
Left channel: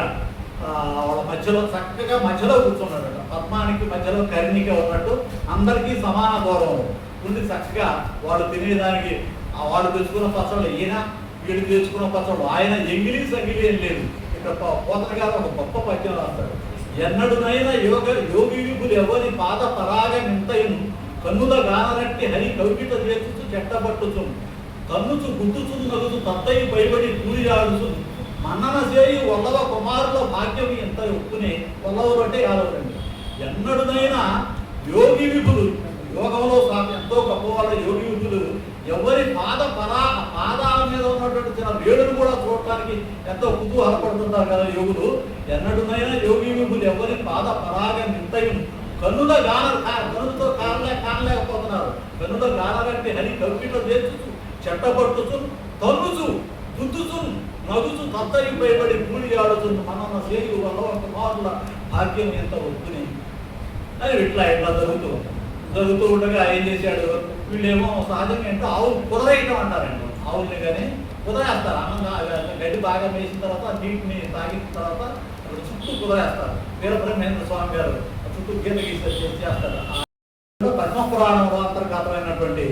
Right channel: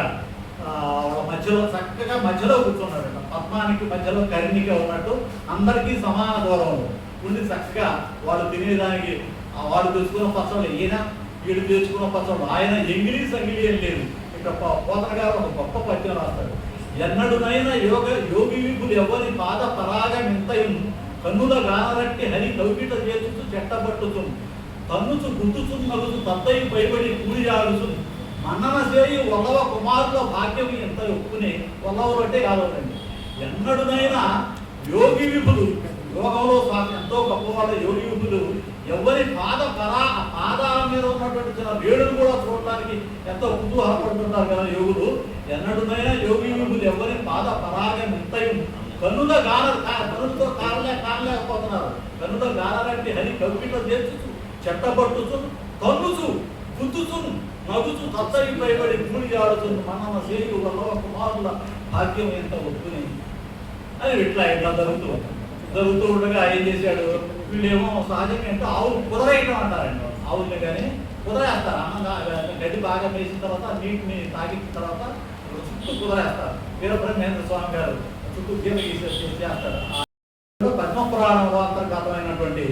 వాళ్ళ మధ్యలో చక్కగా మధ్యలో కూర్చున్నాడు. పద్మానికి మధ్యలో కర్ణిక ఉన్నట్టు అందరికీ సమాన దూరం ఉండి చక్కగా వాళ్ళు తినేదానికి వాళ్ళు తెచ్చుకున్న పచ్చళ్ళు ఈయన, వీళ్ళు తెచ్చుకున్న పచ్చళ్ళు ఆయన, ఎంగిలి సంగిలి ఏం లేదు. ఇక్కడ పోతన గారు ఒక గొప్ప పద్యం రాస్తాడు. ఎన్నడునైనా యోగి విభులు ఎవరి పాద పరాగ నింతయును కన్నుల గానరట్టి హరి కౌకిట చేతుచు చెట్టబట్టుచు తన్నుచు గుర్తుచు నగుచు తత్తయి పైబడి కూలియాడుచు మన్నన చేయి వల్లవ కుమారుల భాగ్యం ఎంత ఒప్పుకునే వల్లవరు అంటే కాదండి. ఎన్నడునైనా యోగి విభులు, యోగంలో ఎంతో గొప్పవాళ్ళ యోగి విభులు ఎవరి పాదాల మీద ఉన్నటువంటి చిన్న వేడును కూడా చూడటానికి ఎంతో కుతూహలపడుతుంటారు కదా యోగులు. ఎన్నడునైనా యోగి విభులు ఎవరి పాద పరాగ నింతయం కన్నుల కన్నులతో కానలేకపోతున్నారు. కన్నుల గానరంటే హరి కవిట చేర్చుచు చెట్టబట్టుచు తన్నుచు గుద్దుచు నగుచు తత్తయి పైబడి కూడి ఆడుతుంది మనన చేయి వల్ల కుమారుల భాగ్యం ఎంత ఒప్పుకుని అది ఇట్లా జరుగుతూ ఉండగా ఏం చేశాడు, వీళ్ళేమో సహజంగా అంటే ఆవులు కుదరేయటం అంటారండి. ఆవుల్ని కానీ కుదరేస్తారు. అన్నం గడ్డి బాగా వేసిన తర్వాత నీటిని తాగించిన తర్వాత చుట్టూ కుదరేస్తారు. వీరబ్రహ్మేంద్ర స్వామి గారు చుట్టూ గీత చేస్తారు. పద్మపురాణం అంతర్గతమైనటువంటి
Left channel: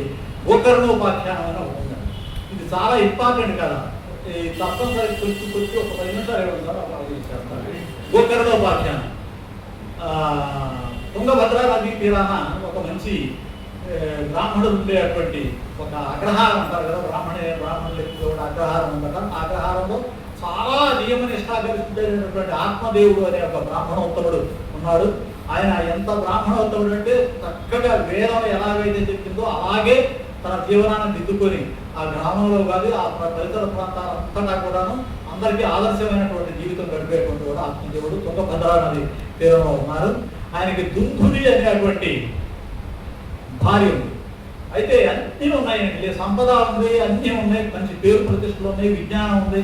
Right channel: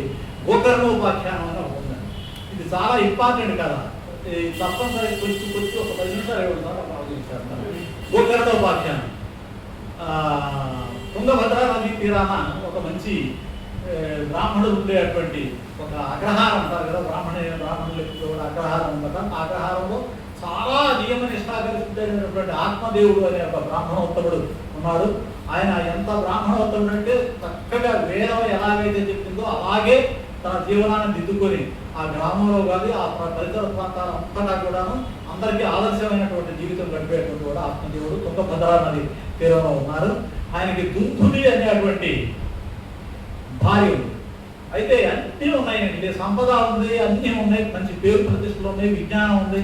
గోకర్ణోపాఖ్యానం అని ఉంది. ఇది చాలా ఇంపార్టెంట్ కదా. తప్పనిసరి కొంచెం ఒక 10 నిమిషాలు ఇవ్వడం గోకర్ణోపాఖ్యానం. తుంగభద్ర నదీ తీరాన ఒక మంచి బ్రాహ్మణుడు ఉండేటువంటి ఒక అగ్రహారం అంటారు కదా, బ్రాహ్మణులకు అగ్రహారం ఉందట. ఆ అగ్రహారంలో చాలా నియమ నిష్ఠాగరిసినటువంటి ఆత్మదేవుడు అనే ఒక బ్రాహ్మణోత్తముడు ఉన్నాడు. ఆయన ఎంత బ్రాహ్మణోత్తముడు అంటే చక్కగా వేదం ఎలాగైతే చెప్పిందో అలాగే తన జీవనాన్ని దిద్దుకొని ఆ గ్రామంలో కానీ ఆ పరిసర ప్రాంతాలంతటా కూడాను అందరికీ ఆదర్శమైనటువంటి జీవితం గడిపేటువంటి కూడా ఆత్మదేవుడు తుంగభద్ర నది తీరంలో ఉన్నారు. ఆయనకి దుందుడి అనేటువంటి భార్య ఉంది. అయితే అన్నీ ఉన్నాయండి, సంపద ఉంది, అన్నీ ఉన్నాయి, మంచి పేరు ప్రతిష్టలు ఉన్నాయి, విజ్ఞానం ఉంది,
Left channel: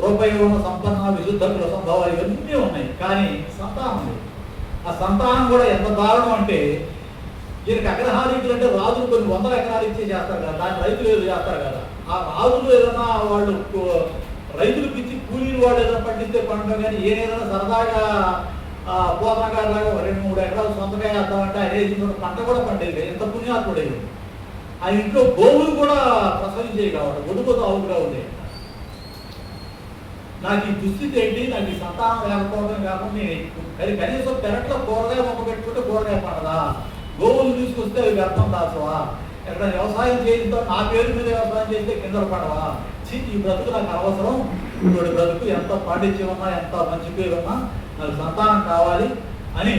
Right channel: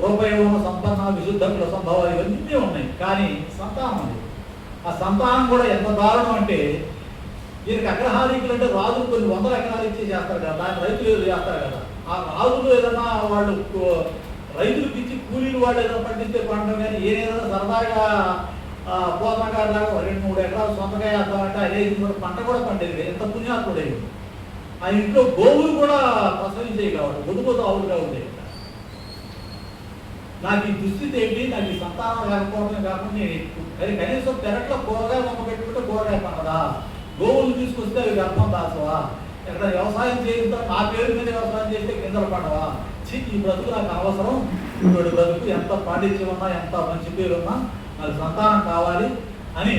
రూపయోగ సంపన్న విశుద్ధ సంభవాలు ఇవన్నీ ఉన్నాయి. కానీ సంతానం ఉంది. ఆ సంతానం కూడా ఎంత దారుణం అంటే ఈయనకి అగ్రహాలు ఇచ్చినట్టే రాజులు కొన్ని 100 ఎకరాలు ఇచ్చి చేస్తారు కదా, దాన్ని రైతులు ఏదో చేస్తారు కదా. ఆ రాజులు ఏదైనా వాళ్ళు రైతులకు ఇచ్చి కూలీలు వాళ్ళు ఏదైనా పండిస్తే పంట కానీ ఏదైనా సరదాగా పోతనగా 2-3 ఎకరాలు సొంతగా వేద్దామంటే అదే పంట కూడా పండేది. ఎంత పుణ్యాత్ముడేది. ఆ ఇంట్లో గోవులు కూడా ప్రసవించేవి కాబట్టి ఒడుగుతో ఆవులుగా ఉండేవి. నాకు ఈ దుస్థితి ఏంటి, నాకు ఈ సంతానం లేకపోవడం కాకుండా కనీసం పెరట్లో కూరగాయ మొక్క పెట్టుకుంటే కూరగాయ పండదా, గోవులు తీసుకొస్తే అవి గర్భం దాచవా, ఎక్కడ వ్యవసాయం చేయిస్తా నా పేరు మీద వ్యవసాయం చేస్తే కిందలు పడవా, ఈ బ్రతుకు నాకు అనవసరం, ఇప్పుడు బ్రతుకు ఎంత పాండిత్యం ఉన్నా ఎంత మంచి పేరు ఉన్నా నాకు సంతానం కావాలి అని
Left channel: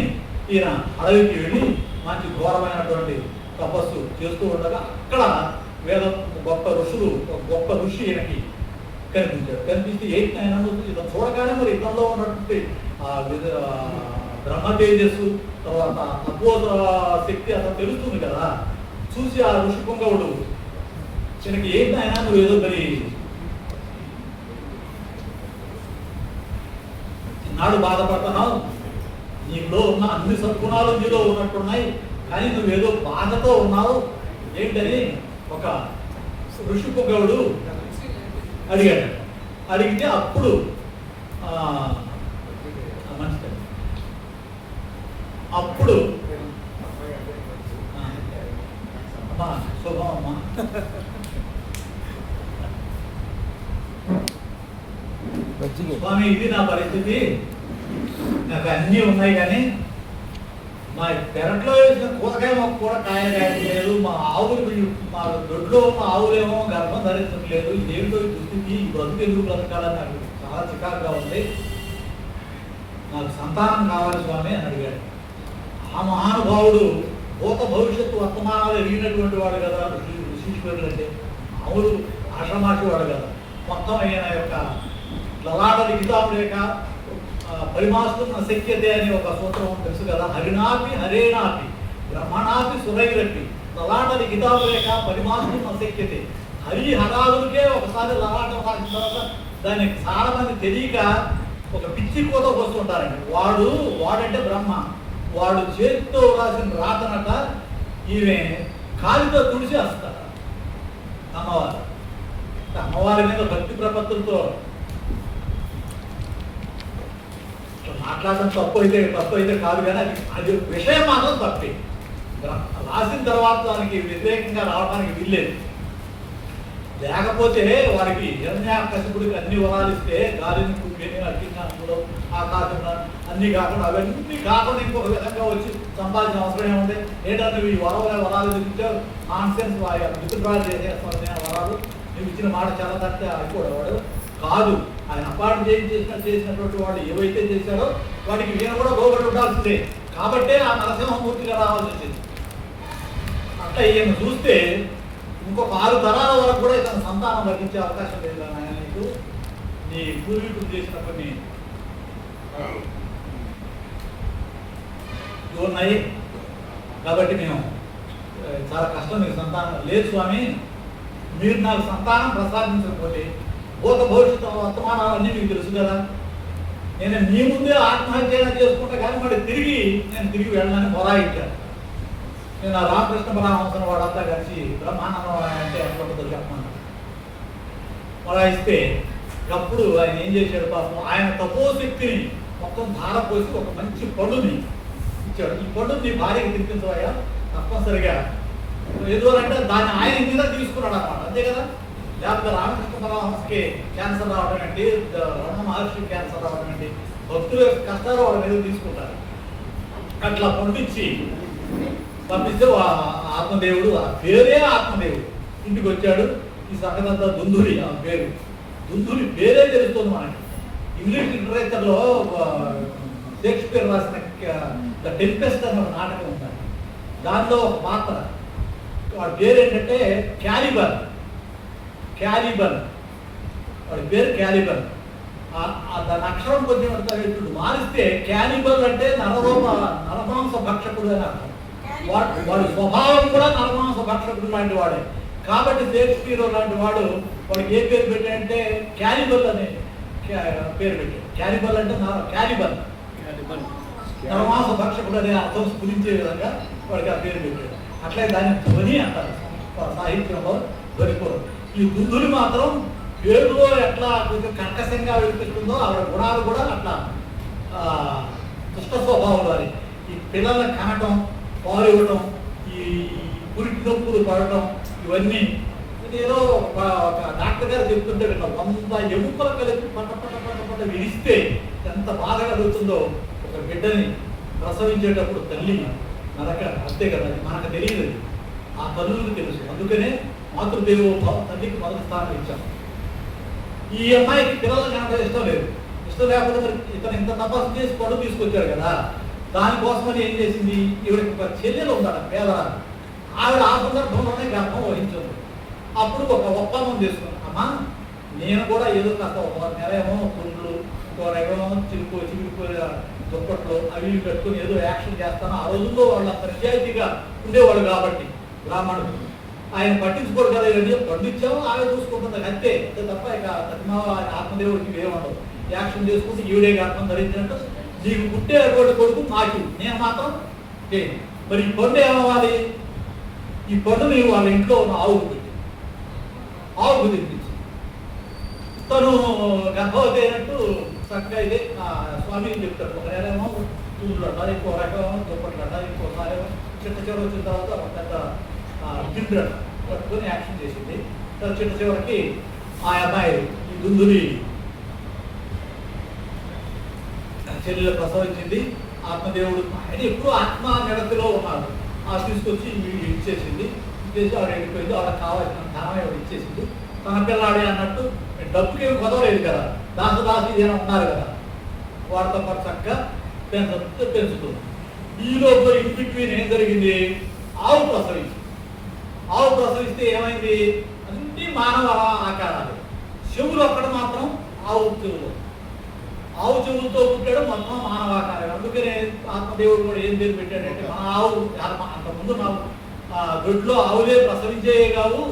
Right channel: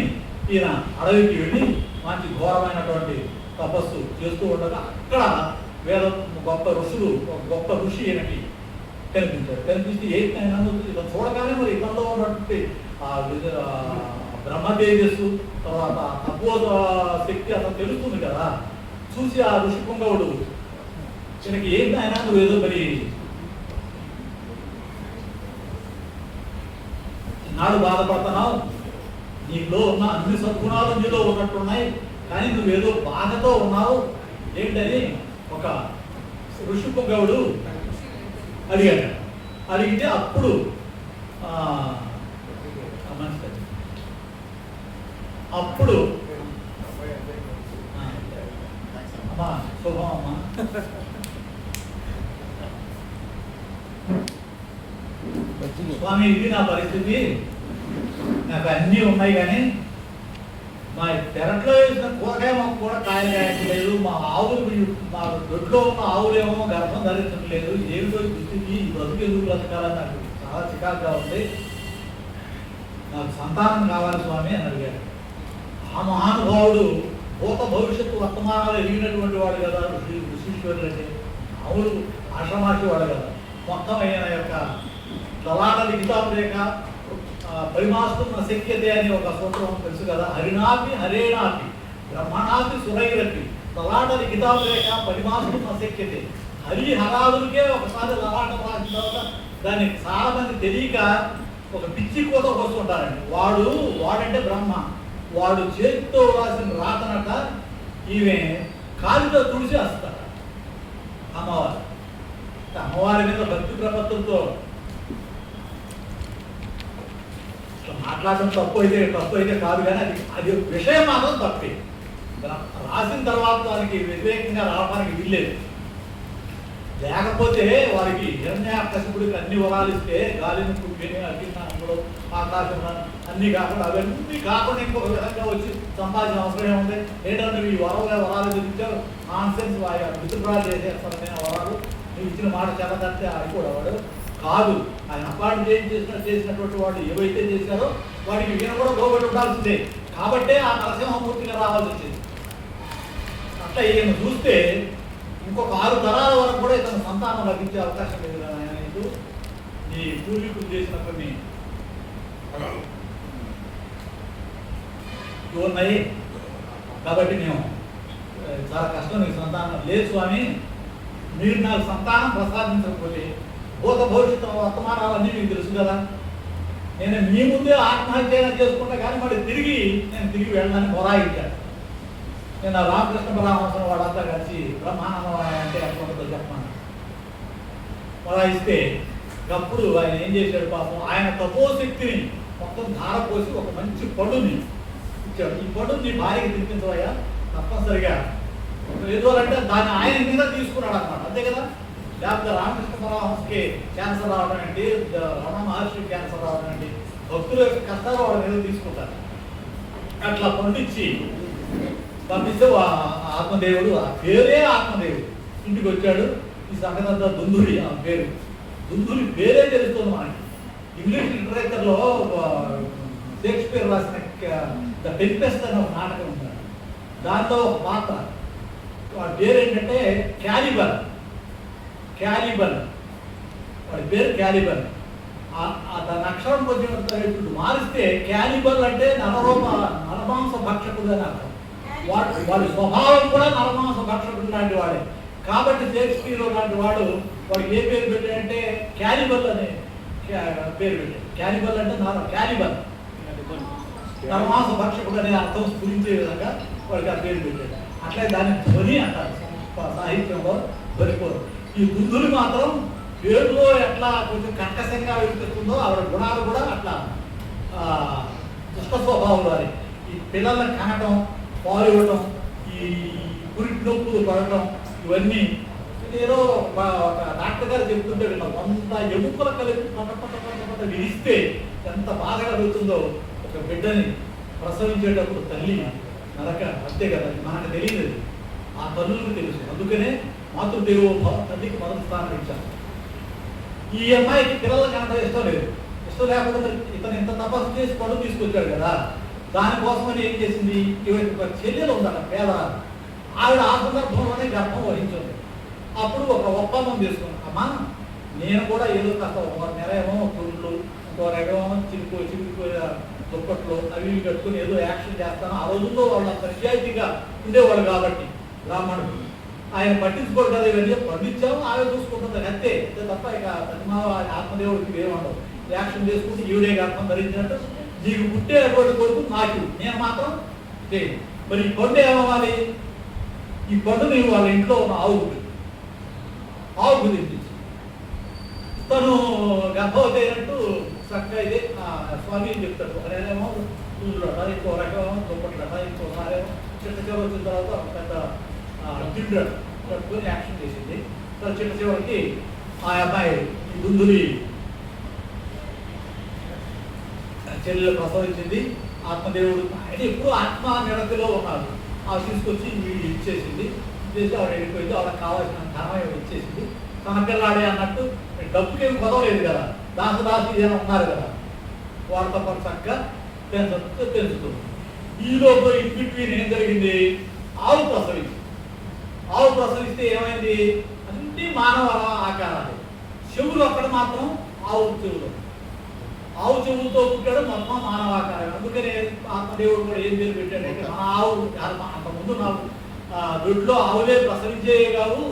ఈయన అడవికి వెళ్ళి మంచి ఘోరమైనటువంటి తపస్సు చేస్తూ ఉండగా అక్కడ వేదం గొప్ప ఋషి ఈయనకి కనిపించాడు. కనిపిస్తే ఏంటి ఆయన ఇతను చూడగానే మరి ఇతనిలో ఉన్నటువంటి బ్రహ్మ తేజస్సు తర్వాత తపోద శక్తి అతను తెలుస్తుంది కదా. చూసి ఆ ఋషి పుంగవుడు ఈయనకి ఏంటి ఆయన నువ్వు ఏదో మరి నాడు బాధపడుతున్నావు, నీలో ఉన్న అన్ని సద్గుణాలు నీలో ఉన్నట్టున్నాయి, కానీ నువ్వేదో బాధతో ఉన్నావు ఏంటని ఒక ఋషిపుగవుడు అడిగాడు. అడిగితే అప్పుడు అప్పుడు అమ్మా శుభం అమ్మా స్వామి, ఇది నా పరిస్థితి, నాకు అన్నీ ఉన్నాయి, కానీ మా పెరట్లో వేసిన కూరగాయ మాకు కూడా కాయలు కాయట్లేదు, మా దొడ్లో ఉన్న ఆవులేమో గర్భం ధరించడం లేదు, ఏమిటో దుస్థితి, ఈ బ్రతుకు ఎందుకు బ్రతకాలని నాకు చాలా చికాకుగా ఉంది, నాకు సంతానం కావాలి స్వామి అని అడిగాడు. ఆ మహానుభావుడు భూత భవిష్యత్తు వర్తమానాలు ఎరిగినటువంటి వాడు కదా ఋషీశ్వరుడు అంటే, మామూలు ఆశ్రమాసి వాడు కదా. మొత్తం ఆయన యొక్క లలాట లిఖితాపు రేఖ పరిమాస్తున్న శక్యతే అనే ఒక సూత్రం తెలుసు కదా. హరినాపి హరేనాపి బ్రహ్మణాపి సురైరపి లలాట లిఖితాపు రేఖ పరిమాస్తున్న శక్యతే. హరి హరాదులకే ఒకసారి లలాటం రాసిన తర్వాత దాన్ని చాలా మంది తెలియక ఒక పిచ్చి కోత వస్తుంటారండి. వాడంటే బ్రహ్మ, వాడు చేతితో రాసిన రాతనట ఈమె కాలితో తుడిచి వస్తాడు. అమ్మవారి మీద భక్తి ప్రపత్తులతో మాట్లాడడం తప్పు అయితే కాదు, కానీ అది విషయం మాత్రం తప్పే. రాసిన తర్వాత దానికి వ్యతిరేకంగా రావడానికి వీల్లేదు. లేకపోతే వారికి హిరణ్యాకశిపుడికి అన్ని వరాలు ఇస్తే గాలిని అగ్నిలో ఆకాశం అన్ని కాకుండా అవన్నీ కాకుండా ఇంకొక విధంగా వచ్చి సంపాదించిన అవసరం ఏముంది? ఏంటంటే ఈ వరాలు చూపించావు నాన్సెన్స్, మిత్రురాలు చేసేస్తామని ఆ వరాలు నువ్వు ఇచ్చిన మాట చాలా తట్టి అయిపోయేవాడు కాదు. ఆయన అపాయింట్ చేసినటువంటి వాళ్ళు ఏవైతే చేశారో వాటికి ఈయన కూడా లోబడి ఉండాల్సిందే. కాబట్టే ఆ నరసింహమూర్తిగా రావాల్సి వచ్చింది. అట్లా ఈయన చూస్తే ఇంకొక 6 తరాల వరకు కూడా ఇతను సంతానం లభించే అవకాశం లేదు. ఆయన నీకు నీ పూర్వీకులు చేసిన కొన్ని ఉన్నాయి కాబట్టి మేము చాలా కష్టం, మీకు సంతానం లేదు స్వామి, మీరు నాకు సంతానం ప్రసాదించకపోతే భూత భవిష్యత్తు వర్తమానాలన్నీ మీకు తెలుసు కదా, నేను మీ ముందే ఆత్మహత్య చేసుకుంటా, కానీ మరి నేను తిరిగి వెళ్ళడానికి మొరాయించాను. నేను ఆ రామకృష్ణ పరమహంసను వాడంతా కలిసి బ్రహ్మానందం అంటే ఎంతో చెప్పమన్నాడు. మొరాయిస్తే అప్పుడు ఆయన ఏం చేశాడు పాపం, ఆయన తపోశక్తిని మొత్తం ధారపోసి ఒక మంచి పండుని ఇచ్చాడు. ఈ పండుని నీ భార్యకి తినిపించవయ్యా తప్పనిసరిగా, ఏదో అంటే దాన్ని ఆయన మీద తీసుకున్నాడు అన్నమాట, అంతే కదా. లేకపోతే రామకృష్ణ పరమహంసకి క్యాన్సర్ రావడం ఏంటి, రమణ మహర్షికి క్యాన్సర్ రావడం ఏంటి, భక్తుల యొక్క కష్టాలు వాళ్ళ మీద తీసుకుంటారు. అట్లా పండించి పంపిస్తే ఆత్మదేవుడు, ఆ పేరే ఆత్మదేవుడు ఇంటికి వచ్చాడు. ఈ సంగతంతా దుందురి, ఆ పేరు దుందురి పేరే తెలుస్తుంది మనకి. ఇంగ్లీష్ లిటరేచర్లో షేక్స్పియర్ రాసిన ద టెంపెస్ట్ అనే ఒక నాటకం ఉంటాడు, దాంట్లో ఒక పాత్ర వాడి పేరు ఏంటంటే క్యాలిబన్. వాడి పేరు క్యాలిబన్. దాని అక్షరం కొంచెం మారిస్తే క్యాలిబన్ అంటే నరమాంస భక్షకుడు అని అర్థం. వాడి స్వభావం కూడా నరమాంస భక్షకుడు లాంటి వాడే. కాబట్టి షేక్స్పియర్ లాంటి వాడికి ఏ పేరు పెట్టాడంటే క్యాలిబల్ అనే పేరు పెట్టాడు. క్యాలిబల్ అంటే క్యాలిబల్ నరమాంస భక్షకుడు అనే అర్థం స్ఫురించే విధంగా వాడికి ఆ పేరు పెట్టాడు. అట్లే దాన్ని ధ్వని అంటారు సాహిత్యంలో దొరికిపోరు. ఈ బుద్ధులు మాత్రం పేరులో ఎట్లా కొంచెం కర్కశంగా వినిపిస్తుందో ఆవిడ గుణాలు కూడా అట్లా దుష్ట స్వభావం వారి. ఈ పిల్లల్ని కనటం, పాలు ఇవ్వటం, ఈ పురికి నొప్పులు పడటం, ఇవన్నీ ఏదో ఒక డాక్టర్ గారు చెప్తుంటే విన్నాం. 100 ఎముకల కలిపి పట్ట విరిస్తే ఎంత బాధ కలుగుతుందో ఒక బిడ్డని ప్రసవించేటప్పుడు తల్లి నరక, అంతే కదా, మనకు తెలియదు, ఆ తల్లులకు తెలుసు. అందుకనే మాతృదేవో భవ, తల్లికి మొదటి స్థానం ఇచ్చాం. ఈ అమ్మాయికి పిల్లలు కనుక ఇష్టం లేదు. ఇష్టం లేకపోతే ఇతను ఇంత తపస్సు చేసి పళ్ళు తీసుకొచ్చాడు కదా, దానికోసమని ఏం చేసింది, ఈవిడ ఒక చెల్లెలు ఉండాలి పేదరాలు, ఆవిడ ఆ సందర్భంలోనే గర్భం వహించింది. అప్పుడు ఒక ఒప్పందం చేసుకున్నాం, అమ్మా నేను కూడా ఏదో కాస్త ఒక నెల ఏమో పుండ్లు, ఇంకో ఎగడమో చిరుకు దుప్పట్లు అవి పెట్టుకుని ఏదో యాక్షన్ చేస్తాను. ఆ రోజుల్లో వాళ్ళ నిజాయితీగా ఉండేవాడు కాబట్టి బ్రాహ్మణుడు, ఆయన పట్టించుకోరు కదా, ఇవన్నీ పండించాము ఆమె చూసుకుంటుంది అంతే తప్ప ఇక ఆత్మదేవుడికి ఏముండదు. యాక్షన్ చేసుకుంటే ఈవిడే గర్భం ధరించినట్టు నీకు పుట్టేటువంటి కొడుకు నాకు, నేను మాత్రం చేయను. మరి ఈ పండు ఏమవ్వాలి? ఈ పండు నీకు వాళ్ళ ఇంట్లో ఉన్న ఆవుకు తినిపించి తను గర్భవతి అయినట్టు చక్కగా ఇదే స్వామి చెప్తాడు. ఒకరేమో పూలు అంటారు, ఇంకో రకమేమో దుప్పట్లు అంటారు, ఇంకోసారి చిట్ట చివరి వచ్చిన తర్వాత పెద్ద జిండు కట్టుకొని యాక్షన్ చేసింది. తర్వాత చిట్ట చివరికి ఆ అమ్మాయి గుందుని చెల్లెలు ప్రసవించింది. ఆత్మదేవుడు ఆయన ఎప్పుడు ఆత్మ నిరతిలో ఉన్నాడు. ఆ తీసుకొచ్చి ఇచ్చేసింది. ఇచ్చేసి ఆవిడ వెళ్ళిపోయింది. ఆవిడకి కావాల్సిన ధనం ఇచ్చేసింది. తన పిల్లాడే అన్నట్టు డబ్బుకి ఏమి కొదవలేదు కదా, దాసి జనం ఉన్నారు కదా, వాడితో పాటు చక్కగా పెంచుతుంది. ఈ లోపల ఇన్ బిట్వీన్ ఏం జరిగింది? ఆవు ప్రసవిస్తే ఏమైంది? అన్ని మానవ ఆకారాలు. చెవులు అక్కడ మాత్రం ఆవు చెవులతో పుట్టాడు, మొత్తం మానవాకారం. అందుకనే ఆత్మదేవుడు కూడా ఏం పేరు పెట్టాడంటే, మన ఆవు అంతకుముందు నాకు దొడ్లో ఆవులే ప్రసవించేవి కావు,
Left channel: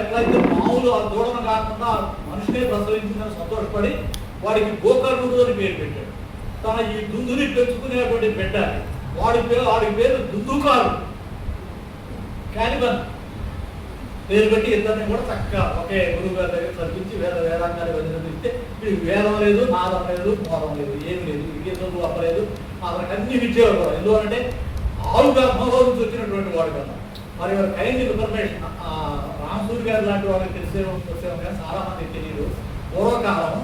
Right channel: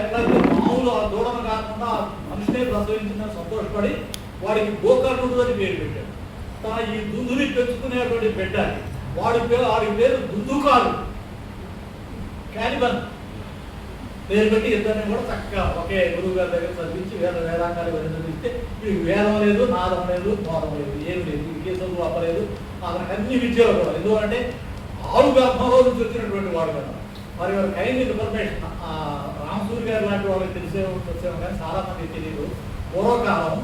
ఎట్లయితే మామూలు ఆ దూడను కాకుండా మనిషినే ప్రసవించిందని సంతోషపడి వాడికి గోకర్ణుడు అని పేరు పెట్టాడు. తన ఈ దుందుని పెంచుకునేటువంటి బిడ్డ వాడి పేరు దుందుకారు క్యానిబన్ పేరు పెట్టి ఇద్దరిని కూడా చక్కగా ఒకే గురువు గారి దగ్గర చదివించి వేదాంగాలు చదివిస్తే ఇది వేదం లేదు, నాదం లేదు, మోదం లేదు, ఏం లేదు, ఇంకే చదువు అవ్వలేదు. అతనికి అన్ని విద్యలు కూడా. ఎందుకంటే ఆవు గర్భంలో నుంచి వచ్చినటువంటి వాడు కదా. మరి వారి కైండ్ ఇన్ఫర్మేషన్ రామసూరి గారు లాంటి వాళ్ళకి వచ్చాము కానీ చాలా మందికి తెలియదు. పూర్వకాలం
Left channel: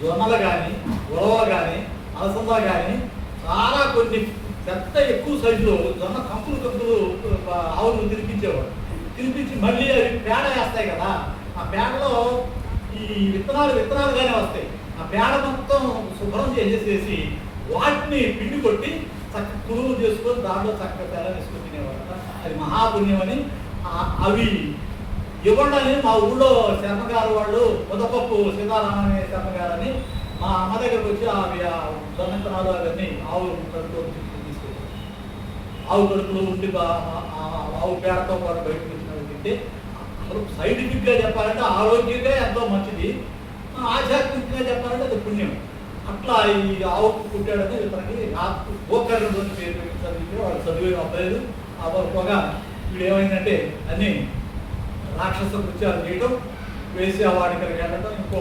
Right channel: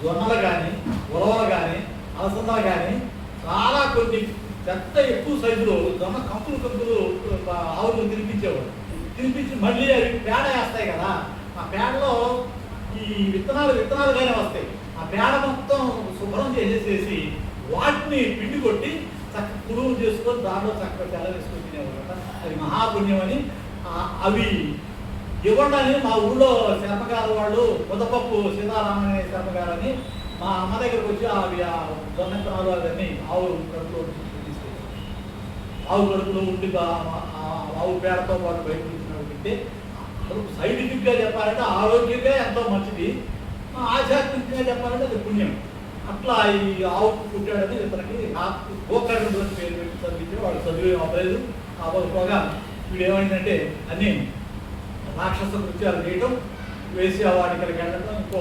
జొన్నలు కానీ, ఉలవలు కానీ, అలసందలు కానీ చాలా కొన్ని పెద్ద ఎక్కువ సైజులో జొన్న కంకులు ఆవులు తినిపించేవాడు. తినిపించి మళ్ళీ అవి పేడ వేస్తాయి కదా, ఆ పేడలో ఈ విత్తనాలుగానే వస్తాయి. ఆ పేడ మొత్తం శుభ్రం చేసేసి వాటిని పిండి కొట్టి చక్క కురువులు చేసుకొని దాంట్లో చక్కగా పేడ వేసుకొని తినేవారు. అది మహాపుణ్యం అని. అవి ఇవ్వండి మా ఊళ్ళో శర్మగారు వాళ్ళు ముద్దపప్పు సీతారామ అనే శర్మగారని మా అమ్మ దగ్గరకు వచ్చి అవి జొన్నెత్తనాలు అవన్నీ ఆవు కడుపులో తీసుకొచ్చారు. ఆవు కడుపులో ఉండి ఆవు పేడతో పాటు బయట తింటే సైంటిఫిక్గా చెప్పాలంటే ఆరోగ్యంగా ఎంతో మంచిది, ఆధ్యాత్మికంగా చెప్పాలంటే అది పుణ్యం. అట్లా ఈ ఆవు పుట్టాడని ఇతనికి గోకర్ణుడు అని పేరు పెట్టి చదివితే వాడు చదివే అవ్వలేదు. అవ్వకపోగా వీడు ఏమైందంటే అన్నీ రాక్షస కృత్యాలు చేయడం, వేసి వాటికలకి వెళ్ళడం, ఇంకో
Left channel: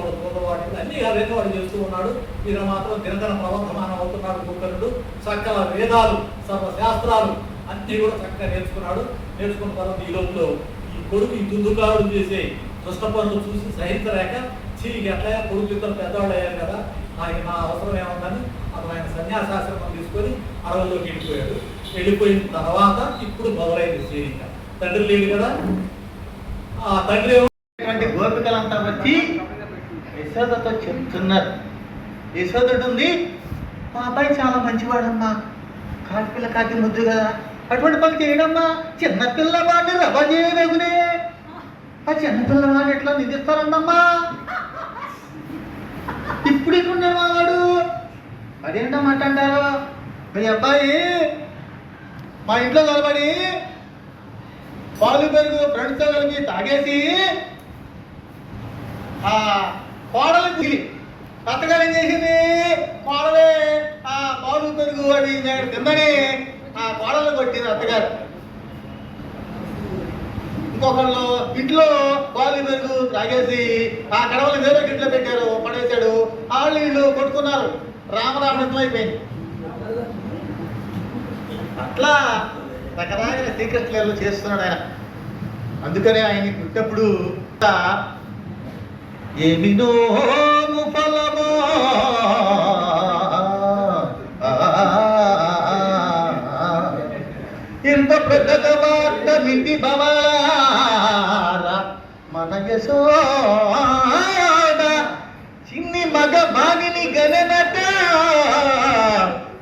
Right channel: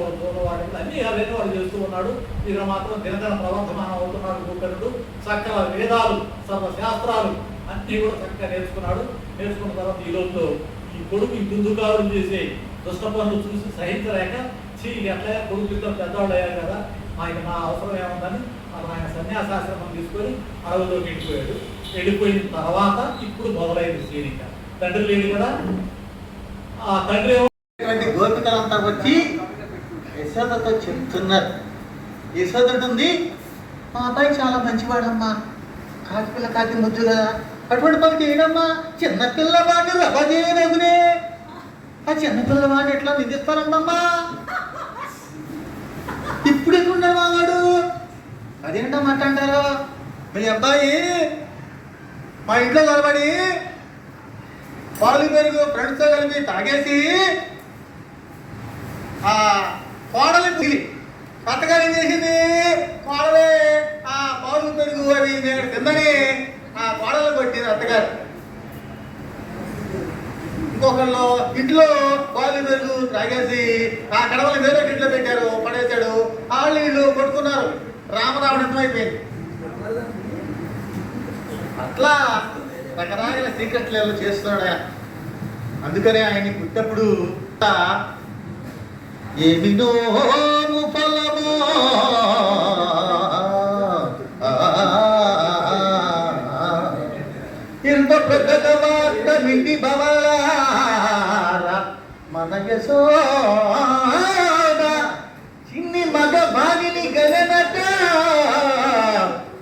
వాటికలు అన్నీ అవన్నీ వాడు చేస్తూ ఉన్నాడు. ఈయన మాత్రం దినదిన ప్రవర్తమానం అవుతున్నాడు గోకర్ణుడు. చక్కగా వేదాలు, సర్వశాస్త్రాలు అన్నీ కూడా చక్కగా నేర్చుకున్నాడు. నేర్చుకున్న తర్వాత ఈ లోపల ఈ కొడుకు ఈ దుందుకారులు చేసే దుష్ట పనులు చూసి సహించలేక ఎట్లా కొడుకు ఇద్దరు పెద్దవాళ్ళు అయ్యారు కదా, ఆయన నా అవసరం ఏముందని అతను ఆయన సన్యాసాశ్రమం తీసుకొని అడవుల్లోకి వెళ్ళిపోయిన తర్వాత ఇప్పుడు మొదలైంది సీనిక. తండ్రి లేడు కదా, ఆ తండ్రి గోపికలంతా వచ్చి యశోదతో చెప్తున్నారు. యశోదుడు ఉంది, మా అబ్బాయి చాలా మంచివాడమ్మా, కాకి పిల్ల కాకి ముద్దు కదా, అటువంటి పని చేయడమ్మా, చిన్నపిల్లవాడు రవ్వ చేయలేదునే, ఆ చిన్నపిల్లవాడు ఎట్లా నిధిస్తారండమ్మా, ఇప్పుడు ఎక్కడుండే వాడు, అదేంటమాట అంటారు. మీ అబ్బాయి మా ఇంట్లో నిలబడి పాలు పెరుగు ఫ్రెండ్స్తో కలిపి తాగేసి ఆ కోడలు పిలి అత్తగారు ఏం చేసింది, కోడలే ఆ పాలు పెరుగు అది తిందని ఆ కోడలు కొట్టింది అత్తగారు. ఇంకొకళ్ళు ఇంట్లో పాలు పెరుగు తాగేసి ఆ కడవలు వేరే ఇంట్లో పెట్టారు, పడేశాడు. వాళ్ళు వీళ్ళు కొట్టుకున్నారు, రామరావణం అయిపోయింది. అట్లా రకరకాల సీక్రెట్లు చేస్తున్నాడు ఆయన. అందుకనే ఆయన పుట్టినప్పుడు ఏమినో ఫలమో ఇంత పెద్ద వార్త మిండి భవాల మన యశోద చిన్ని మగ బాగిని గలనట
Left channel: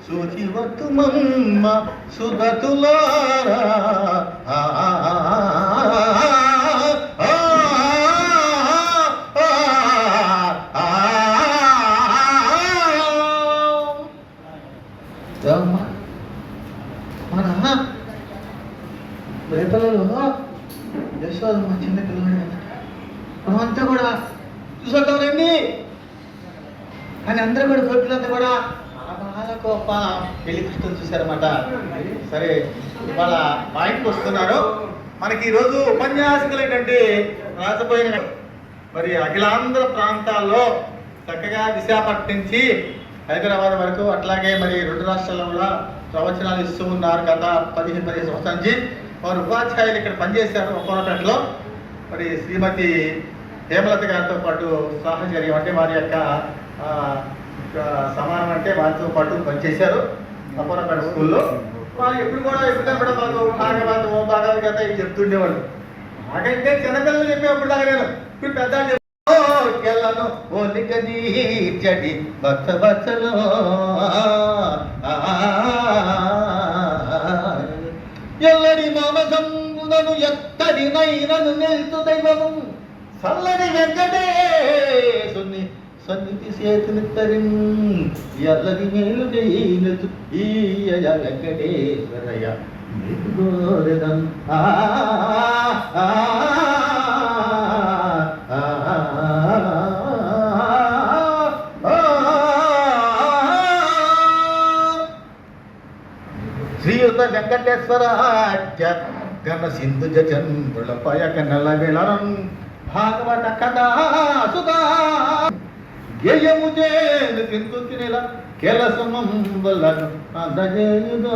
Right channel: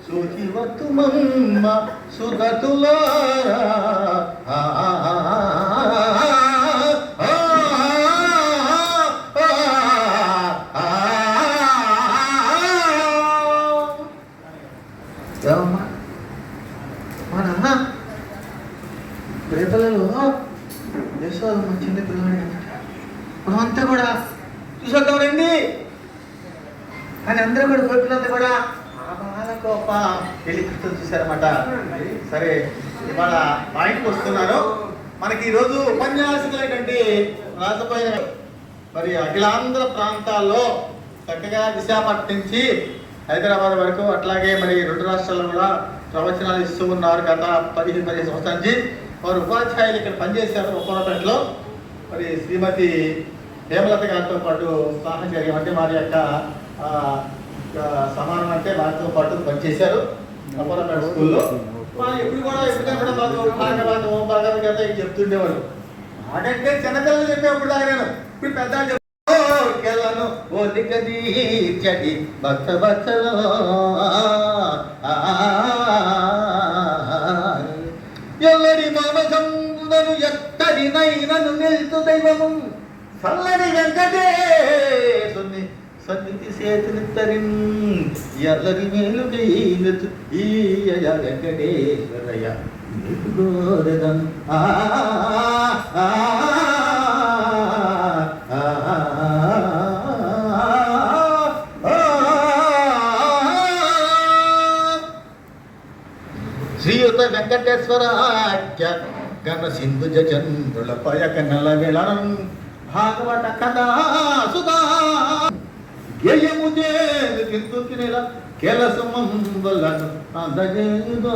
సూచివతుమమ్మ సుగతులారా మన రేపలలో యశోద చిన్న పిల్లలు అంతా కూడా చూసొద్దామండి అని అందరూ కూడా కోరుకున్నంత కూడా గొప్ప పెళ్లి కృష్ణులు చూశారన్నమాట. సరే, ఇవాళ పాయింట్కి వస్తున్నారు. మనకి ఈరోజు ఉపన్యాసకులైనటువంటి రాకపోయిన మరి అఖిలాంధ్ర ప్రాంతాల్లో చక్కగా విశాఖపట్నం నుంచి హైదరాబాద్ వరకు, అట్లాగే మరి 2 రాష్ట్రాల్లో కూడా ప్రవచనాలు ఇస్తూ ఉన్నారు. గత 15 సంవత్సరాల నుంచి వారు ఉపాధ్యాయులు ఇక్కడ పనిచేశారు ఒక్కొక్కట్లో. మరి శ్రీమతి హేమలత గారితో పాటు సాహచర్యం అంటే వారి యొక్క సమానం అంటే వారితో పాటు పనిచేశారు అపోరాపేట స్కూల్లో. వాళ్ళు ఎప్పుడు కూడా మాకు భాగవతం భగవద్గీత ఇవి చెప్తుండేవాళ్ళు. మాకంటే చిన్నపిల్లలు చెప్పేప్పుడు దాకా నేను ఇప్పుడు పెద్ద కెళ్ళను ఓలికదీర్చటి బచ్చ బచ్చలో ఎల్లడి మామసంబను ఎత్తడి నైనను నిల్చు దైవము చల్లని వెంకటేశుని సన్నిధి సేతునిత్తరిం ఎల్లడి మేలుకై నిల్చు ఈయ వెంకటేశ్వరయ్య గోరదం శ్రీయుత వెంకటేశ్వరాఖ్య గణ సింధు చంద్రుల పయక నెలవిళరం భాగవత కథా సుధా గేయము చేదు కిందు కినిల కెలసమం వల్లను అందజేయుదో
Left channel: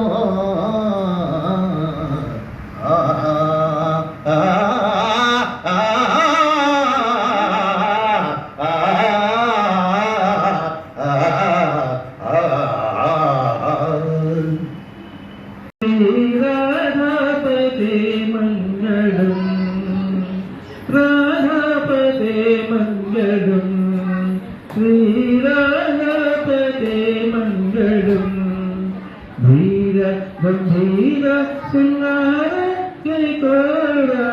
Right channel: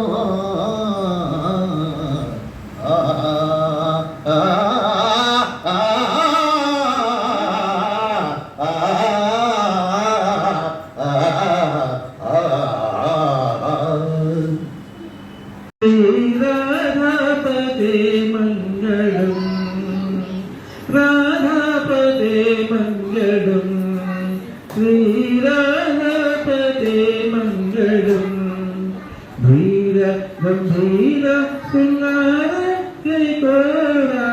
రాధాపదే మంగళం శ్రీరాధాపదే మంగళం ధీర గంభీర సింగార జయ కోరా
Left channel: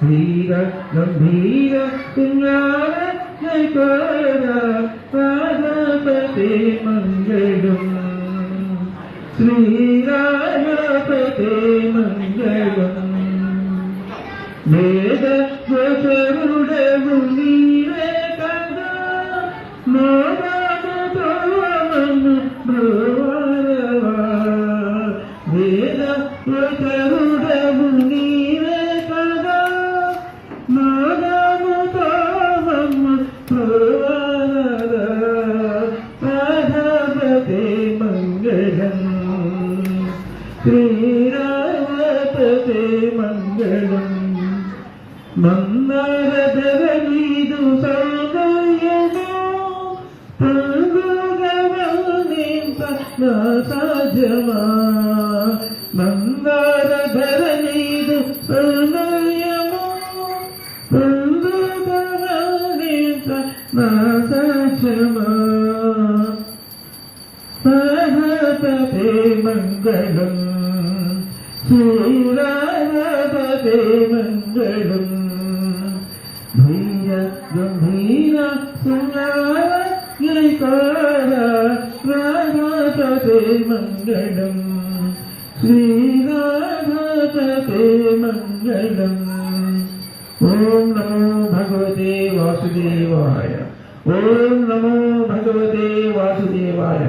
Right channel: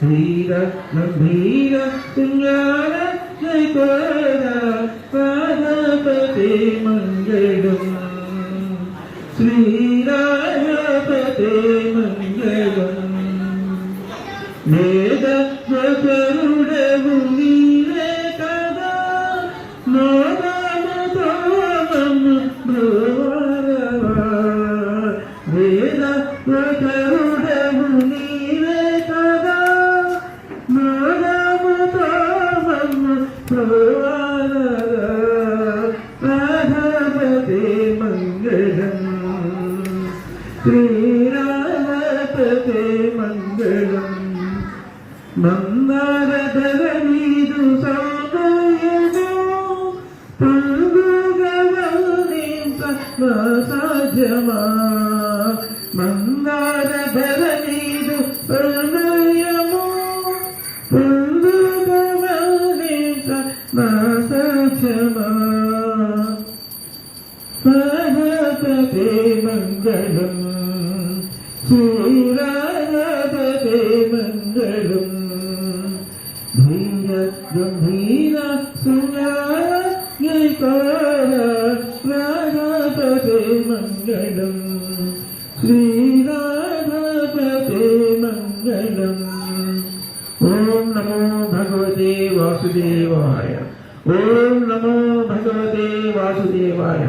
ధీర గంభీర సింగార జయ కోరా రాధాపదే మంగళం శ్రీరాధాపదే మంగళం వేద జపరుడవు నీవే కదా నాదముతో నన్ను బ్రోవరవా వేద జపరుడవు నీవే కదా నాదముతో నన్ను బ్రోవరవా రాధాపదే మంగళం శ్రీరాధాపదే మంగళం మందారధరణీదు సౌందర్యము పొందుగవనింత నా సాధ్యమా మందారధరణీదు సౌందర్యము పొందుగవనింత నా సాధ్యమా రాధాపదే మంగళం శ్రీరాధాపదే మంగళం ధీర గంభీర సింగార రాధాపదే మంగళం శ్రీరాధాపదే మంగళం. ఓం నమో భగవతే వాసుదేవాయ. ఓం నమో భగవతే వాసుదేవాయ.